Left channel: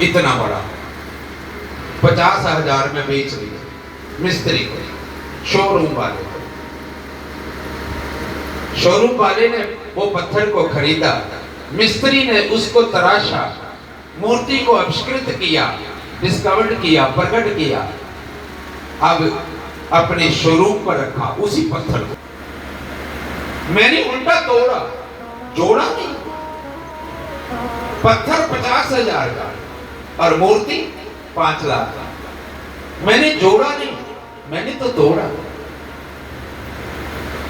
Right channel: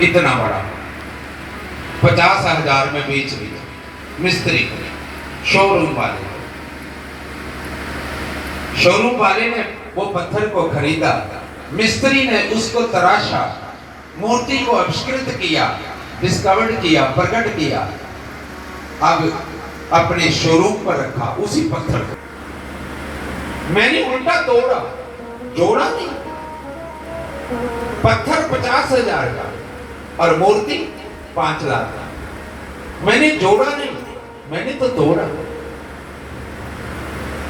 इतना बड़ा 50,000 में बेच लिया मिस्त्री को, शोरूम वाले को। शोरूम वाले ने वो पत्थर को खरीदा, मिस्त्री ने उसको तराशा, मूर्ति को आविष्कृत किया, डिस्कवर्ड किया, प्रकट किया, अब अपने शोरूम पर रखा उसी पत्थर को। मैंने उल्टा तोड़ा, जोड़ा नहीं। पत्थर 50,000 का और मूर्ति 5 लाख का। मैंने जोड़ा नहीं, मैंने तो तोड़ा।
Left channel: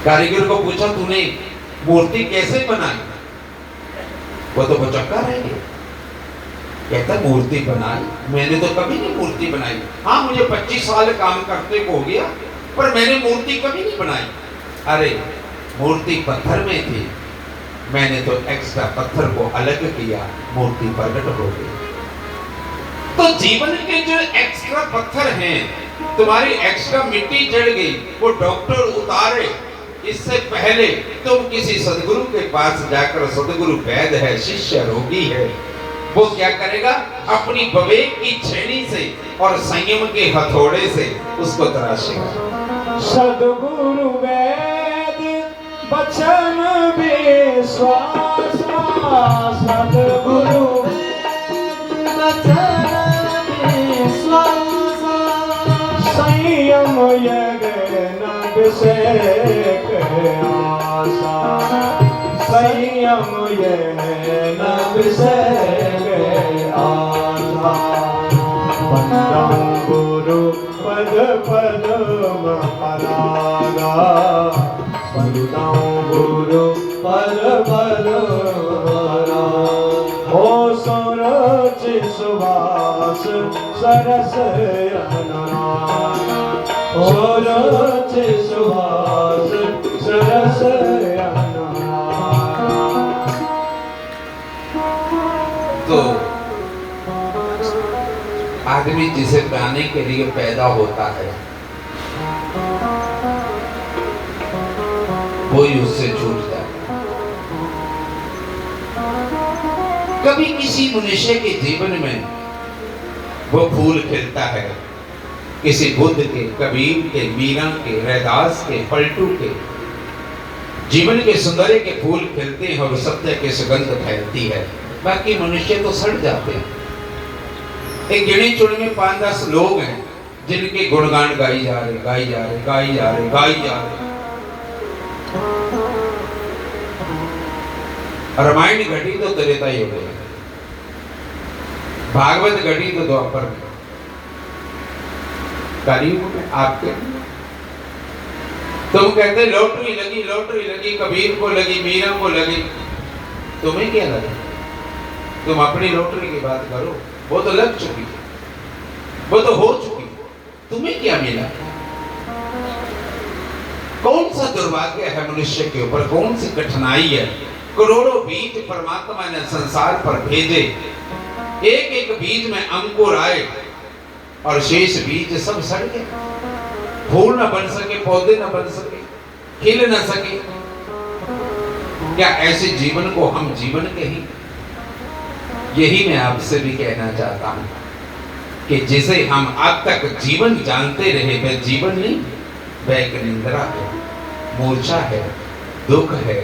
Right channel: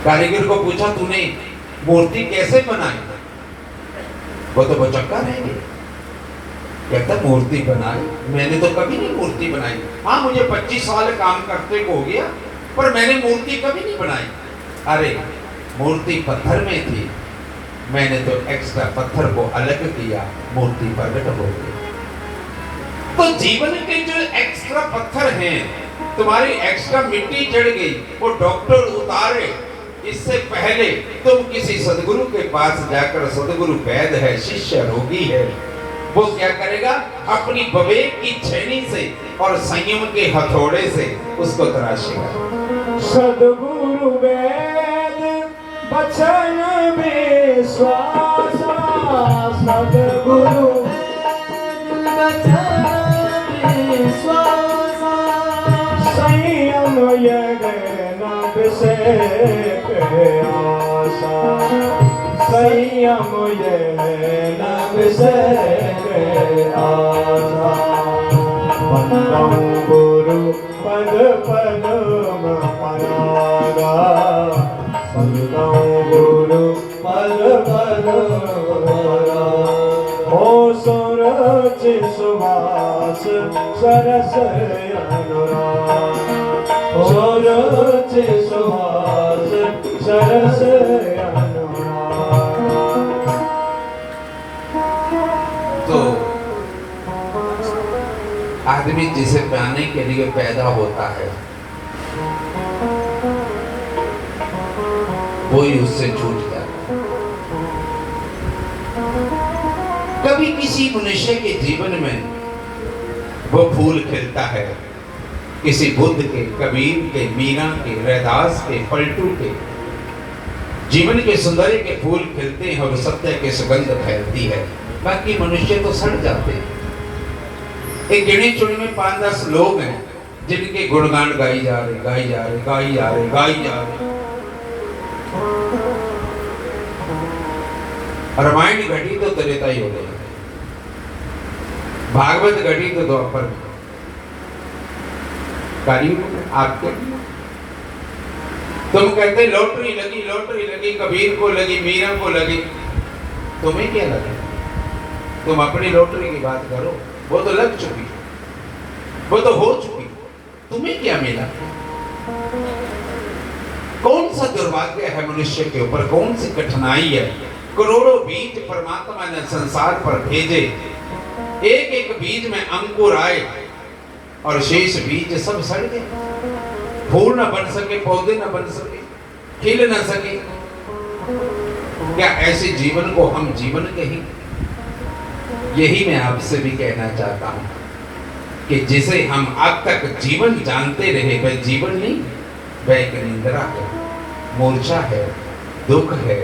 कारीगर को पूछा तूने मूर्ति कैसे बनाई? वो तो बचक्का रह गया। कहता मूर्ति बनाई, मैंने तो कभी नहीं मूर्ति बनाई। हाँ मुझे 25 साल काम करते को हो गया, पर मैंने मूर्ति कभी नहीं बनाई। अरे मूर्ति पत्थर में थी, मैंने तो एक्स्ट्रा पत्थर को अलग किया, मूर्ति प्रकट हो गई। तो जीवन के जो एक्स्ट्रा पत्थर हैं, तुम्हारी एक्स्ट्रा मिट्टी जड़ गई, वो डॉक्टर उतारे इससे पहले तुम किसी सदगुरु के पास जाकर, सदगुरु वैद्य है, शिष्य रोगी है, वो क्या करेगा? अपनी विवेक की छेनी से और संयम के हथौड़े से उसको तराशेगा। सदगुरु वैद्य बचन विश्वास, सदगुरु बचन विश्वास, संयम यज्ञ अभिषेक आशा, संयम यज्ञ अभिषेक आशा। वंदन गुरु पद पद्म करागा, वंदन गुरु पद पद्म हो सरच सुभाष सरस अनुराग, सरच सुभाष सरस अनुराग। तो आदमी जिसे पाने के लिए पैदा होता है वही उससे छूटता है। कभी किसी मनुष्य के जीवन में वो फूल खिलता है, किसी बुद्ध के, कबीर के, मीरा के, रैदास के, पलटू के जीवन के सौंदर्य के फूल खिलते हैं और सत्य के सुगंध फैलती है। बाकी मनुष्य तो सड़ जाते हैं। एक गिने चुने 5-10 लोग हैं जिनके गुणगान गाई जा रहे, गाई जा रहे, गाई जा रहे, गाई जा रहे। रामायण घटी तो त्रेता युग में, भागवत घटी तो द्वापर में, कलयुग में आपके। तुम कहते लॉटरी लगी, लॉटरी लगी, कबीर को लगी, मीरा को लगी, तुम्हें क्या लगा? तुम अपनी लॉटरी की बात करो, वो तो लग चुकी, वो तो हो चुकी, तुम्हें क्या मिला? कौन सा दुर्भाग्य है मनुष्य के ऊपर, कौन सी कठिनाई है? करोड़ों बीज परमात्मा ने संसार पर भेजे, एक एक बीज में अंकुर आए और शेष बीज सब सड़ गए। फूल न बन सके, पौधे न बन सके, खिल न सके। क्या ऐसे जीवन को हम जीवन कहें? यही मैं आपसे भी कहना चाहता हूं कि जिसे हम अब तक जीवन जानते रहे वह जीवन नहीं, वह एक निंद्रा है, मूर्छा है, दुख है,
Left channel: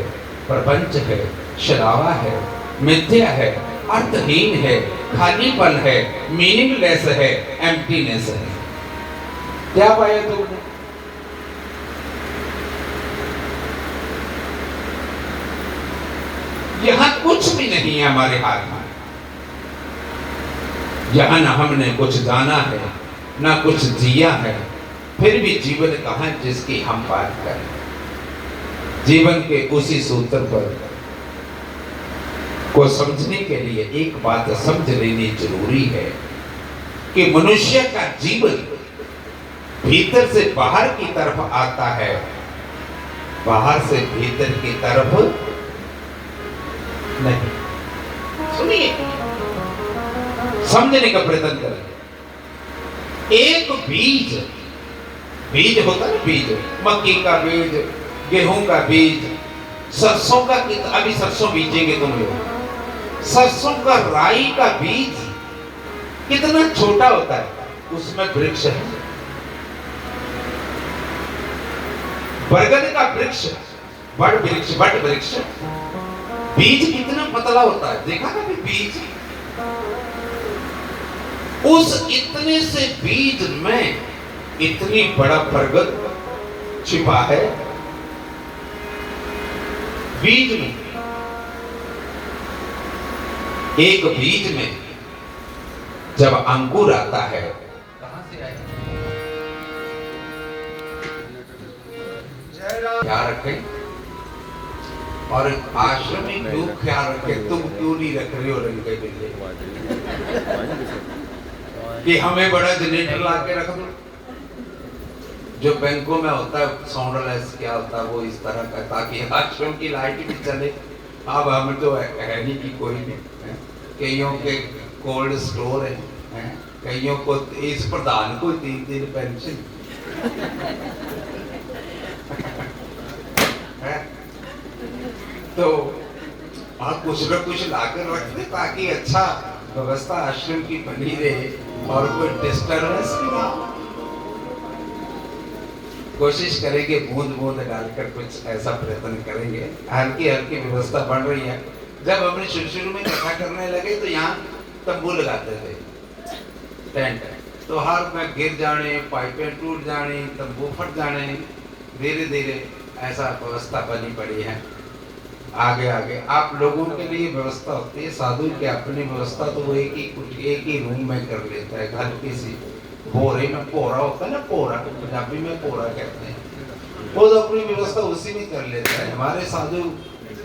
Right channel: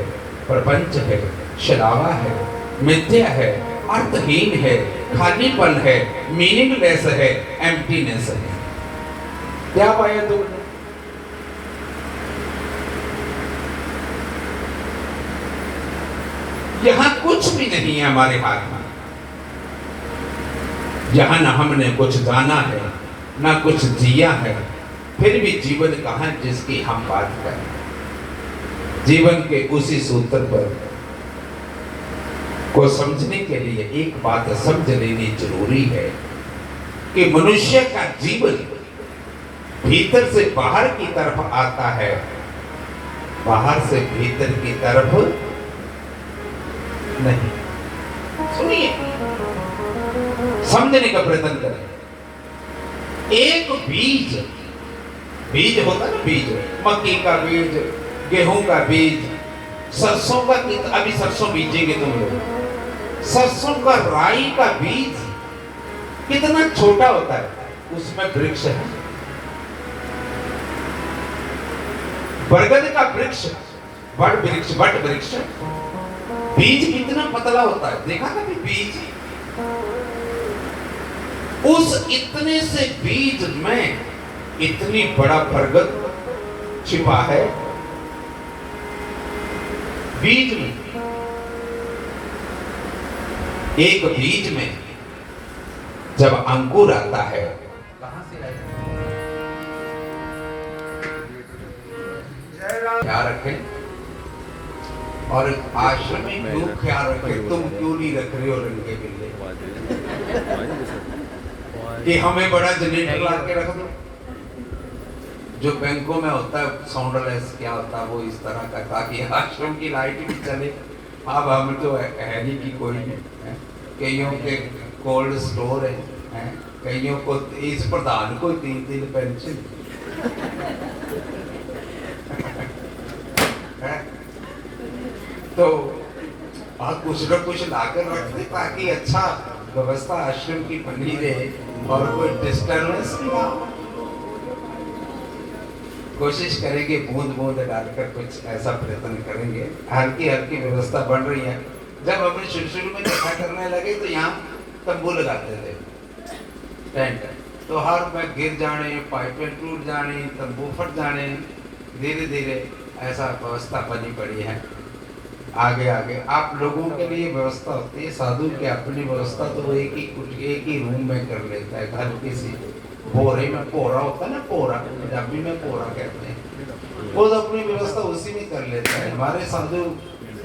प्रपंच है, शराबा है, मिथ्या है, अर्थहीन है, खालीपन है, मीनिंगलेस है, एम्प्टीनेस है। क्या पाया तुमने? यहां कुछ भी नहीं है हमारे हाथ में। यहां ना हमने कुछ जाना है, ना कुछ जिया है, फिर भी जीवन कहां जिसकी हम बात करें। जीवन के उसी सूत्र पर को समझने के लिए एक बात समझ लेनी जरूरी है कि मनुष्य का जीवन भीतर से बाहर की तरफ आता है, बाहर से भीतर की तरफ नहीं। सुनिए, समझने का प्रयत्न करें। एक बीज, बीज होता है ना, बीज, मक्की का बीज, गेहूं का बीज, सरसों का, अभी सरसों बीजेंगे तुम लोग, सरसों का, राई का बीज कितना छोटा होता है, उसमें वृक्ष है। बरगद का वृक्ष, बट वृक्ष, बीज कितना पतला होता है, देखा कभी बीज? उस इतने से बीज में इतनी बड़ा बरगद छिपा है। बीज में, एक बीज में जब अंकुर आता है, कहां से आए? ख्याल रखें, और आश्रम में क्यों ख्याल रखें? तुम क्यों नहीं रख रहे हो रंगे बिल्ले कि हमें बड़ा जनरेटर ला के रख दो, जो बैंकों में होता है साउंडलेस, क्या होता है वो इस तरह का, ताकि आश्रम की लाइट भी चले। अब हम तो है नहीं कि कोई नहीं, कईयों के कोल्ड स्टोर है, कईयों को इस प्रधान को 3 पेंशन है, तो आप कुछ न कुछ लाकर रखते ताकि अच्छा व्यवस्था आश्रम की बनी रहे और कोई डिस्टर्बेंस भी ना हो। कोशिश करेंगे, बूंद बूंद डालकर कुछ ऐसा प्रयत्न करेंगे। हल्की हल्की व्यवस्था बन रही है। जब हमने शुरू में कथा करने लगे तो यहाँ तंबू लगाते थे, टेंट, तो हर में गिर जाने, पाइपें टूट जाने, तंबू फट जाने, धीरे धीरे ऐसा व्यवस्था बनी पड़ी है। आगे आगे आप लोगों के लिए व्यवस्था होती है, साधु की अपनी व्यवस्था तो वो एक ही रूम में कर लेता है, हल्की सी बोरे में पोरा होता है ना, पोरा पंजाबी में पोरा कहते हैं, वो तो अपनी व्यवस्था उसी में कर लेता है। हमारे साधु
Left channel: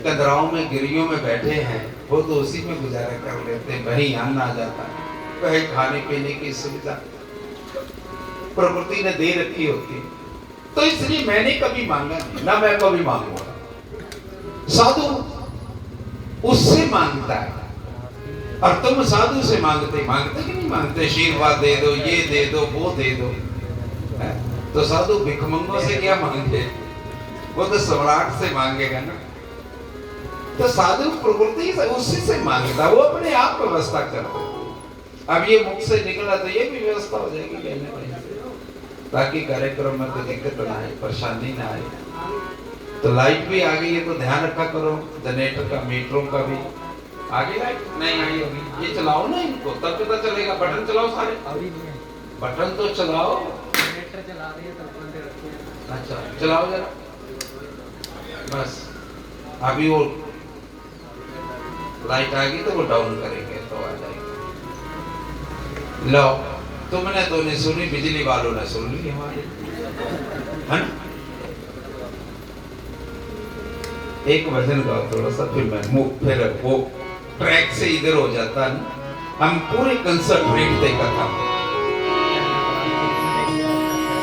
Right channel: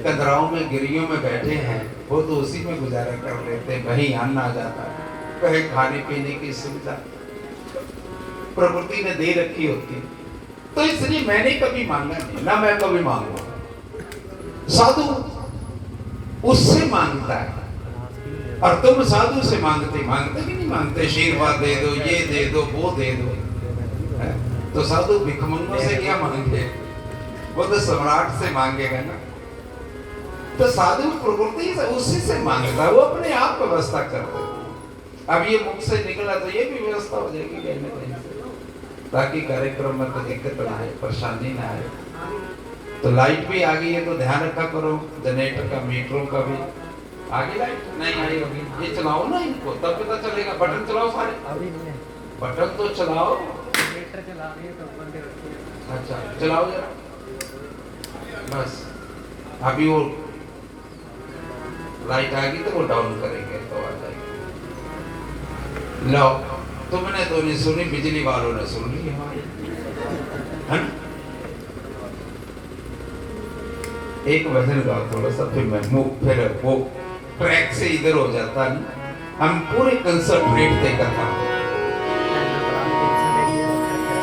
कदराओं में, गिरियों में बैठे हैं, वो तो उसी में गुजारा कर लेते हैं। कहीं अन्न आ जाता है, कहीं खाने पीने की सुविधा प्रकृति ने दे रखी होती है, तो इसलिए मैंने कभी मांगा नहीं, ना मैं कभी मांगूंगा। साधु उससे मांगता है, और तुम साधु से मांगते कि नहीं मांगते? आशीर्वाद दे दो, ये दे दो, वो दे दो, है? तो साधु भिखमंगों से क्या मांगे? वो तो सम्राट से मांगेगा ना। तो साधु प्रकृति से उसी से मांगता, वो अपने आप व्यवस्था करता। अब ये मुख से निकला तो ये भी व्यवस्था हो जाएगी कहने कहीं से, ताकि कार्यक्रम में कोई दिक्कत ना आए, परेशानी ना आए। तो लाइट भी आ गई है, तो ध्यान रखा करो, जनरेटर का, मीटरों का भी। आगे लाइट नहीं आई होगी, ये चलाओ ना इनको, तब पता चलेगा। बटन चलाओ सारे, अभी नहीं है बटन, तो चलाओ। जनरेटर चला रही है, तब बंद रखते हैं। अच्छा चलाओ जरा, बस अभी वो लाइट आ गई तो वो डाउन करेंगे तो आ जाएगी। लो, तुमने तो नहीं सुनी, बिजली वालों ने सुन ली हमारी, है ना? एक वजन गाओ थोड़ा सा, फिर मैं मुख, फिर वो ट्रैक से इधर हो जाता है। हम पूरे कंसंट्रेट देखा था।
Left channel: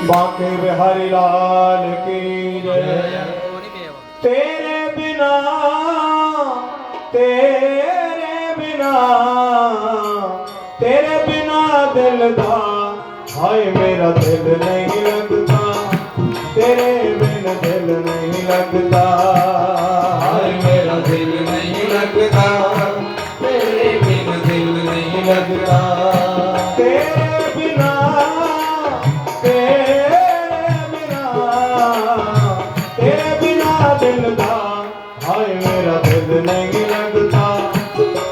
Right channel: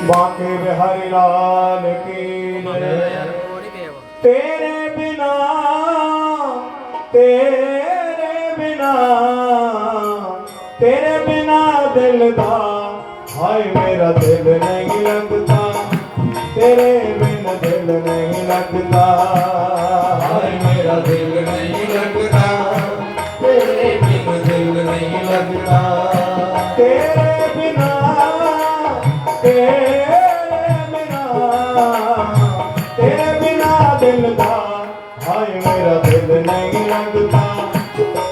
बांके बिहारी लाल की जय। तेरे बिना दिल दा, हाय मेरा दिल नहीं लगता, तेरे बिन दिल नहीं लगता, हाय मेरा दिल नहीं लगता, तेरे बिन दिल नहीं लगता, तेरे बिना दिल दा, हाय मेरा दिल नहीं लगता,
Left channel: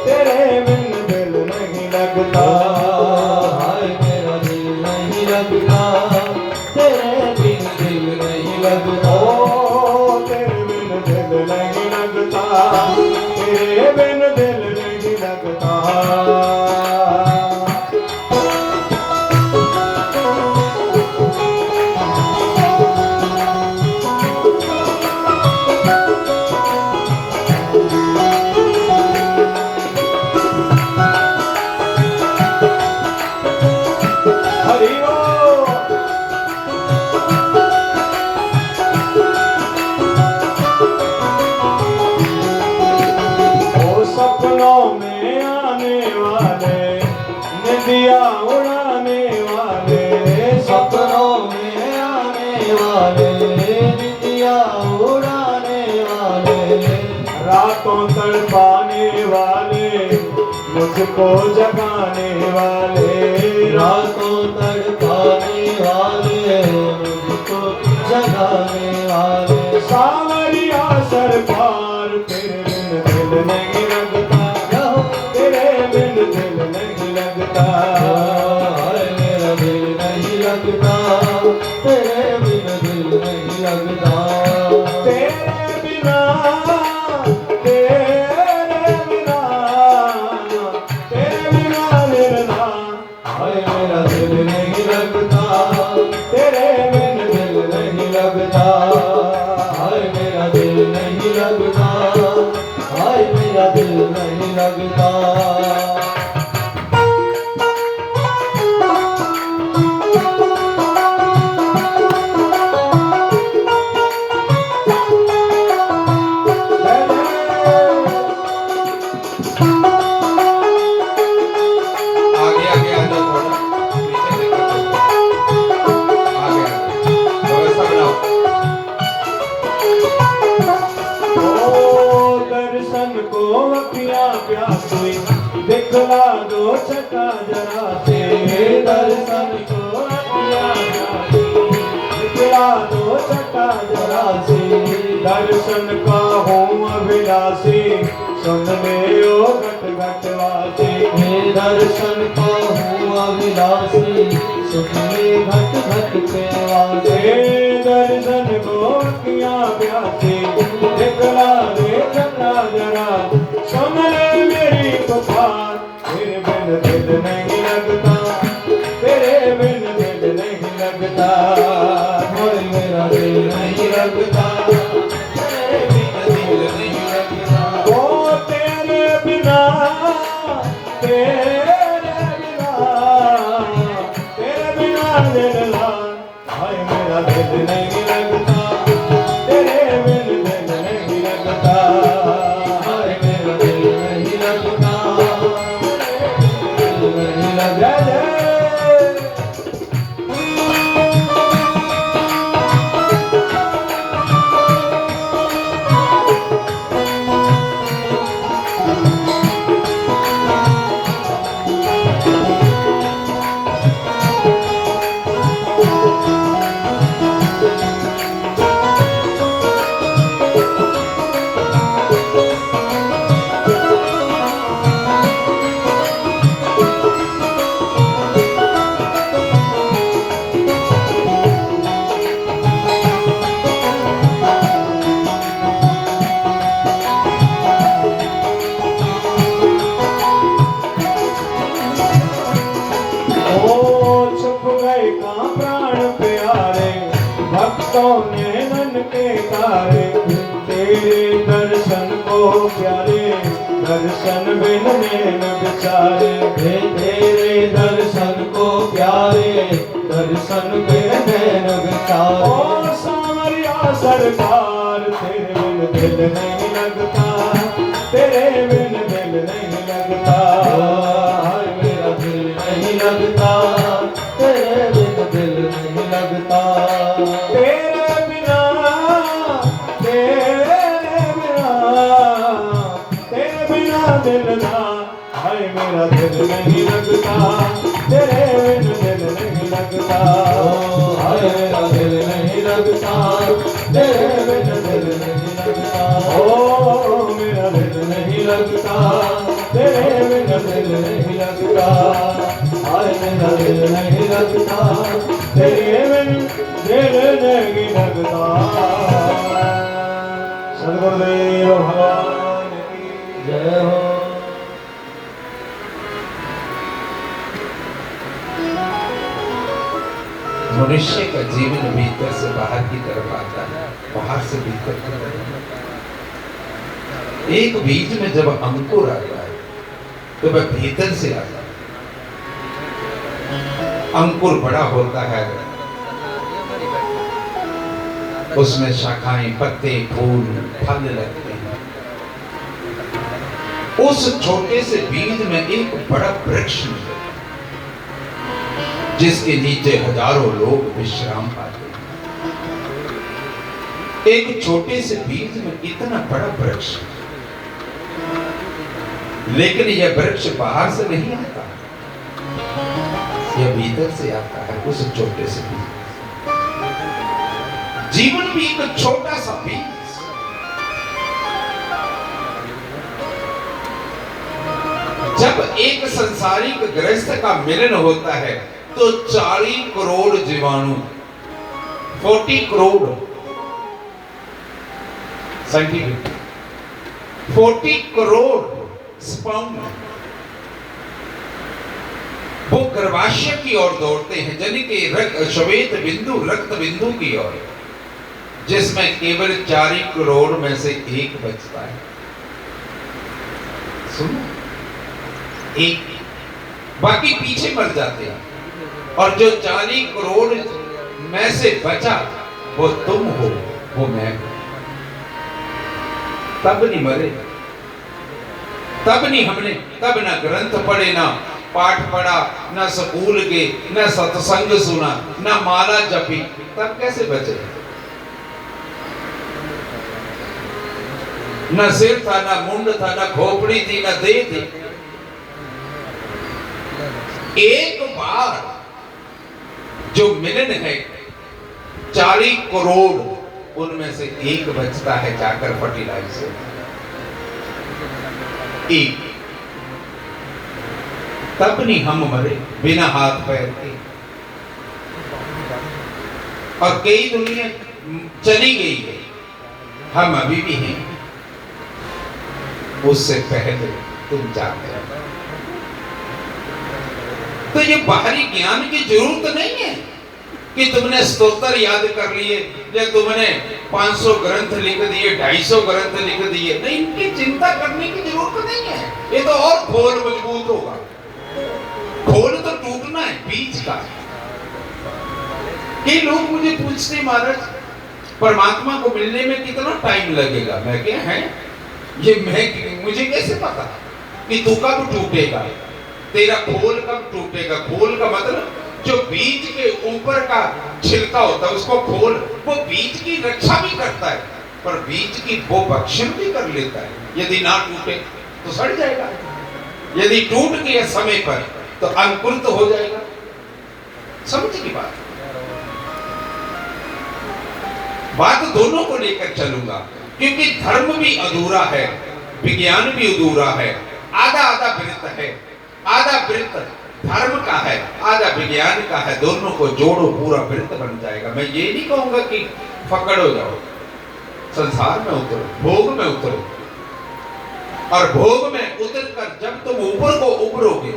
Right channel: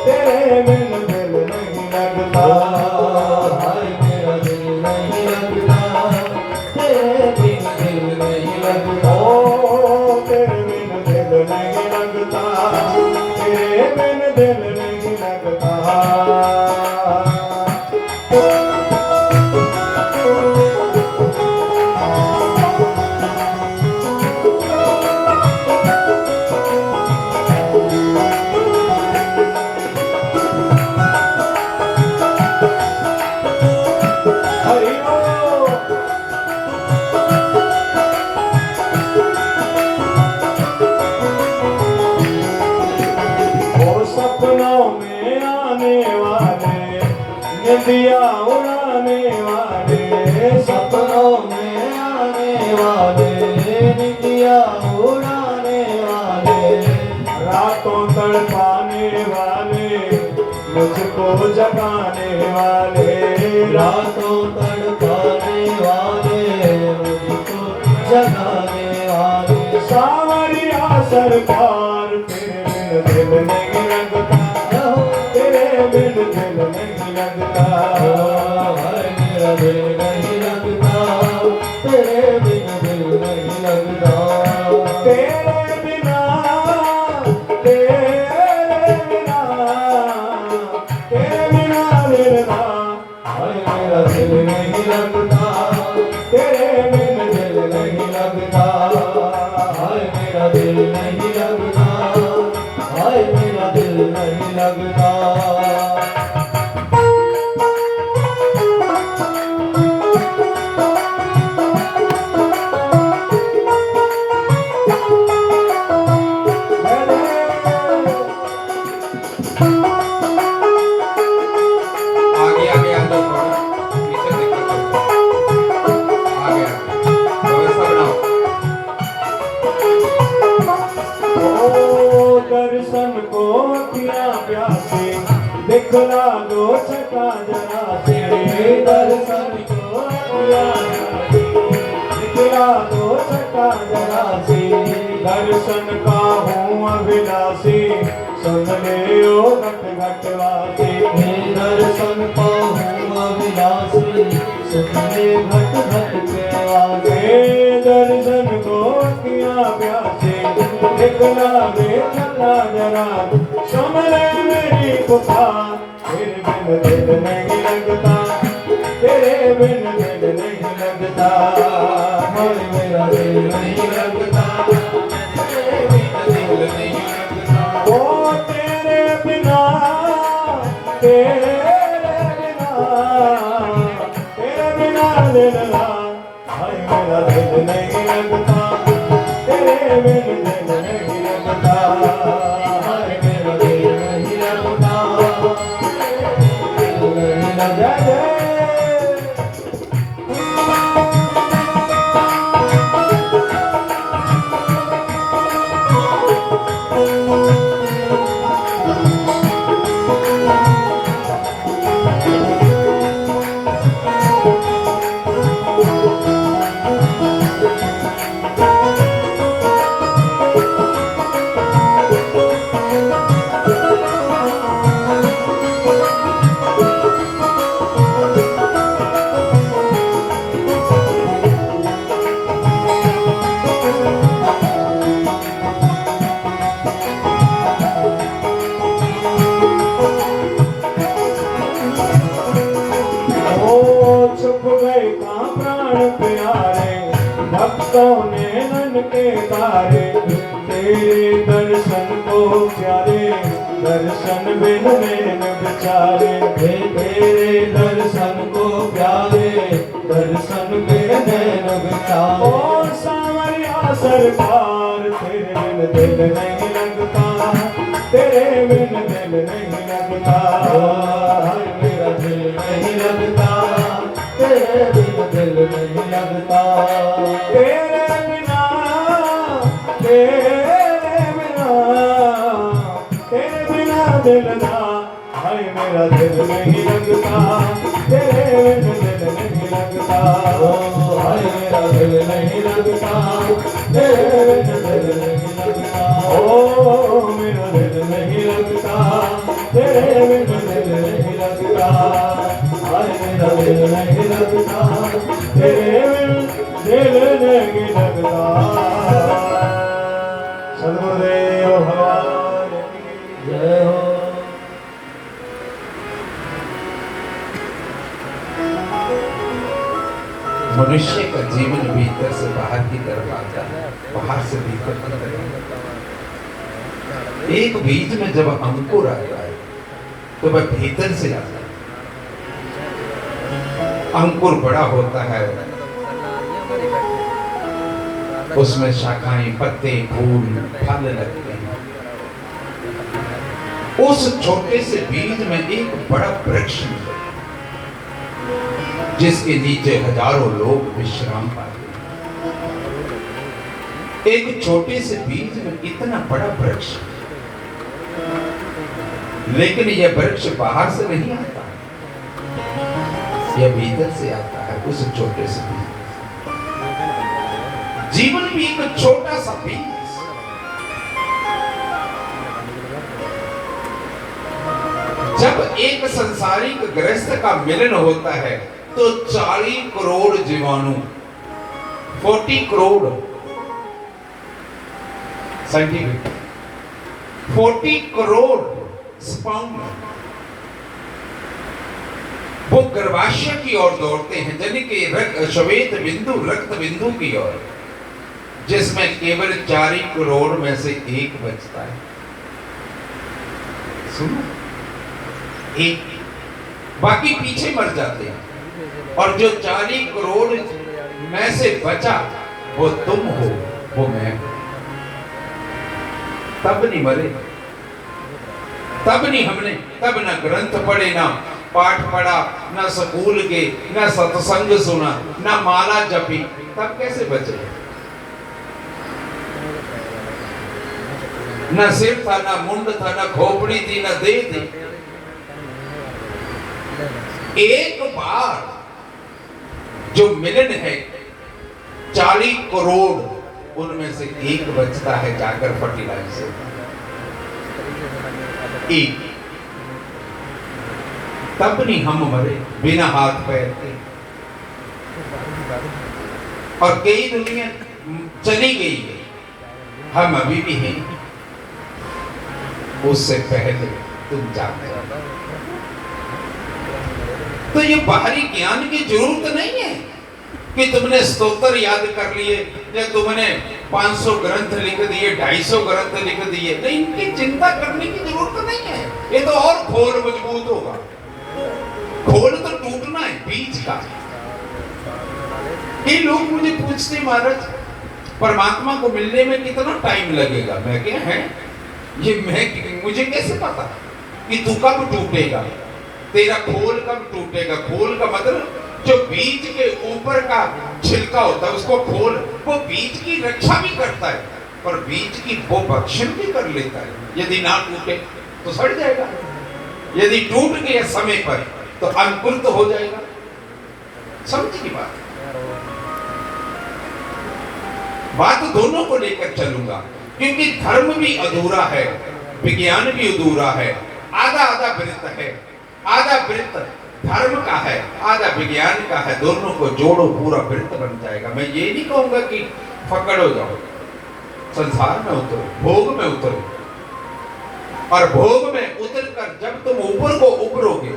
तेरे बिन दिल नहीं लगता, हाय मेरा दिल नहीं लगता, तेरे बिन दिल नहीं लगता, ओ तेरे बिन दिल नहीं लगता, तेरे बिन दिल नहीं लगता। दिया उड़ाने वाले, सपनों में आने वाले, दिया उड़ाने वाले, रातों तड़पाने वाले, मुझको जगाने वाले, नहीं लगता, हाय मेरा दिल नहीं लगता, तेरे बिन दिल नहीं लगता, तेरे बिना, तेरे बिना, तेरे बिना दिलना, हाय मेरा दिल नहीं लगता, तेरे बिन दिल नहीं लगता, हाय मेरा दिल नहीं लगता, हाय मेरा दिल नहीं लगता। आगे आगे आ जाओ, थोड़ा पीछे देखो, आगे आगे व्यवस्था बनाओ। ओ दर्शन को अखियाँ प्यासी दिखला दो छटा जरा से, दर्शन को अखियाँ प्यासी दिखला दो छटा जरा से, दर्शन का हूँ अभिलाषी सुन ले ओ घट घट वासी, दर्शन का हूँ अभिलाषी सुन ले घट घट के वासी, दर्शन को अखियाँ प्यासी दिखला दे छटा जरा, सुन ले मेरी पुकार, तेरे बिन दिल नहीं लगता, तेरे बिन दिल नहीं लगता, हाय मेरा दिल नहीं लगता, तेरे बिन दिल नहीं लगता, ओ तेरे बिना, तेरे बिना, तेरे बिना दिलना, हाय मेरा दिल नहीं लगता, तेरे बिन दिल नहीं लगता, हाय मेरा दिल नहीं लगता, तेरे बिन दिल नहीं लगता। छुप गए कहाँ प्राण प्यारे, भक्तों ने नन के तारे, तेरे दर्शन को प्यारे, दर्शन बिन नैन बेचारे, तेरे दर्शन को प्यारे, दर्शन बिन नैन बेचारे, ओ सावरिया सरकार, तेरे बिन दिल नहीं लगता, तेरे बिन दिल नहीं लगता, हाय मेरा दिल नहीं लगता, तेरे बिन दिल नहीं लगता, तेरे बिना, तेरे बिना, तेरे बिना दिलना, हाय मेरा दिल नहीं लगता, तेरे बिन दिल नहीं लगता, हाय मेरा दिल नहीं लगता, तेरे बिन दिल नहीं लगता, ओ मेरा दिल नहीं लगता, तेरे बिन दिल नहीं लगता, हाय मेरा दिल नहीं लगता, तेरे बिन दिल नहीं लगता। सद्गुरुदेव भगवान की जय हो। मनुष्य का जीवन भीतर से बाहर की तरफ आता है, बाहर से भीतर की तरफ आता है। एक बीज में जब अंकुर आता है तो वह भीतर से आता है, अंकुर बड़ा होता है, उसमें शाखाएं, पत्ते, फूल, फल लगते हैं। उस छोटे से बीज में एक बड़ा वृक्ष मिले जिसके नीचे हजारों लोग विश्राम पाते हैं। एक छोटे से बीज में इतना बड़ा वृक्ष, लेकिन यह वृक्ष बाहर से नहीं आता, यह भीतर से आता है, उस छोटे से बीज। जीवन भी एक छोटा सा बीज, जब जब एक संसारिक गृहस्थ का मिलन होता है तो 40 करोड़ जीवाणु, 40 करोड़ साइंटिफिक, 40 करोड़ स्पर्म वो गर्भाशय की ओर दौड़ते हैं, जन के श्वेत बिंदु रक्त बिंदु की ओर, जिसमें केवल 4 करोड़ में से एक बचता है। सुनो, एक, बाकी पीछे मर जाते हैं। और जो 40 करोड़ में से बचा वो तुम हो, वो मैं हूं। तब नहीं मरे, तब नहीं हमने, तब ना ग्रंथ पढ़े, ना पाठ पढ़ा, ना स्कूल के, ना सत्संग सुना, ना माला जपी, तब कैसे बचे? ना सिर था, ना मुंड था, ना खोपड़ी थी, ना देह थी। एक बार जो मिलन है 40 करोड़, उनमें से एक बचता है जाकर फर्टिलाइजर, एक। तब नहीं हम मरे बिना हाथ पैर के। और कई दुनिया चली गई है, हम अभी भी हैं। उससे पहले तुम जाते हो। तो ये बाहरी ज्ञान की जरूरत नहीं है कि तुमने स्तोत्र याद कर लिए या तुमने 500 ग्रंथ लिख दिए, 250 ग्रंथ लिख दिए, नहीं, इनकी चिंता करने की जरूरत नहीं है। ये तो और खोल मजबूत होगा। खोल तो टूटना है बीज का। कई लोग मुझे पूछते, महाराज परमात्मा को मिलने में कितना टाइम लगेगा? मैं क्या है ये, मैं मुझे कैसे पता कि तू कब टूटेगा, तेरा खोल कब टूटेगा? खोल का मतलब जो बीज के ऊपर का छिलका होता है उसको खोल, वो बीज की रक्षा भी करता है, पर बीज की वो भक्षण भी कर लेता है। यदि ना टूटे तो सड़ जाएगा, यदि टूट गया समय पर तो अंकुरित हो जाएगा। समझ की बात दोनों को लेकर चलूंगा, क्योंकि धर्म भी अधूरा है, विज्ञान भी अधूरा है। आधा आधा वृत्त है, आधा वृत्त धर्म का है, आधा विज्ञान का है। दोनों को जोड़ो, पूरा वृत्त बन जाएगा। मैं ये नहीं कहूंगा कि फकड़ हो जाओ, संसार में उतरो, भोग में उतरो, और भोग में उतरकर जब तुम ऊपर को उभरोगे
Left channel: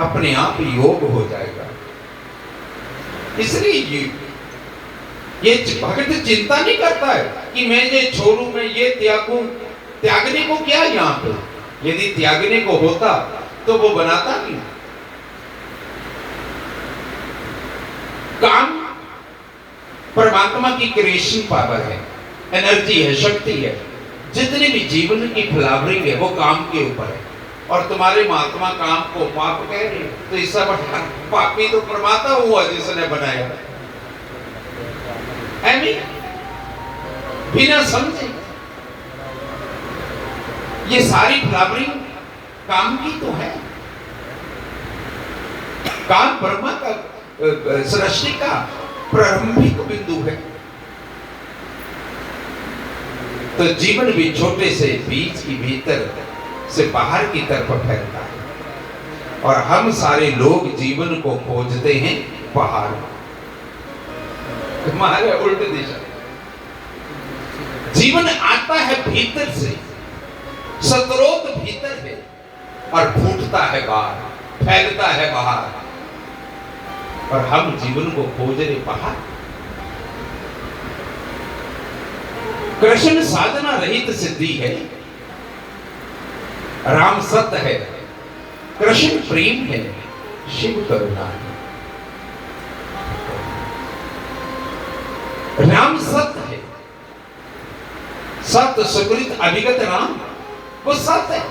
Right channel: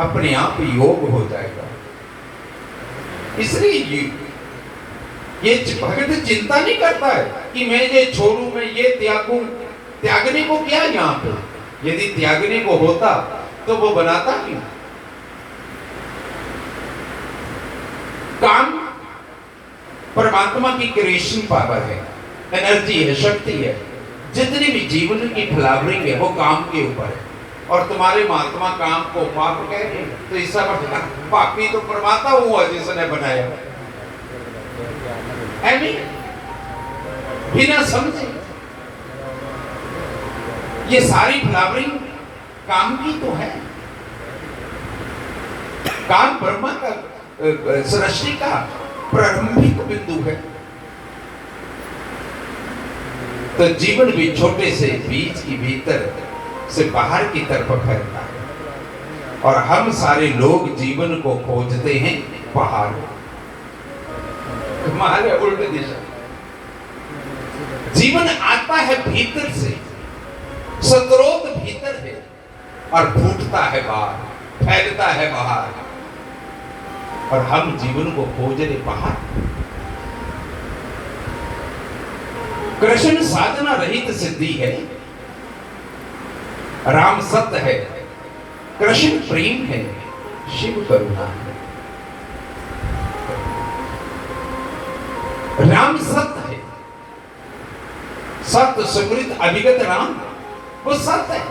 अपने आप योग हो जाएगा। इसलिए ये भगत चिंता नहीं करता है कि मैं ये छोड़ू, मैं ये त्यागूं। त्यागने को क्या यहाँ पे? यदि त्यागने को होता तो वो बनाता क्यों? काम परमात्मा की क्रिएशन पावर है, एनर्जी है, शक्ति है। जितनी भी जीवन की फ्लावरिंग है वो काम के ऊपर है। और तुम्हारे महात्मा काम को पाप कह रहे हैं, तो इसका मतलब पापी तो परमात्मा हुआ जिसने बनाया। बिना समझे ये सारी फ्लावरिंग काम की तो है। काम ब्रह्मा का, सृष्टि का प्रारंभिक बिंदु है। तो जीवन भी छोटे से बीज के भीतर से बाहर की तरफ फैलता है, और हम सारे लोग जीवन को खोजते हैं बाहर, हमारे उल्ट दिशा। जीवन आता है भीतर से, स्रोत भीतर है, और फूटता है बाहर, फैलता है बाहर, और हम जीवन को खोज रहे बाहर। कृष्ण साधना रहित सिद्धि है, राम सत्य है, कृष्ण प्रेम है, शिव करुणा है। राम सत्य है, सत्य सुकृत अभिगत राम, वो सत्य है।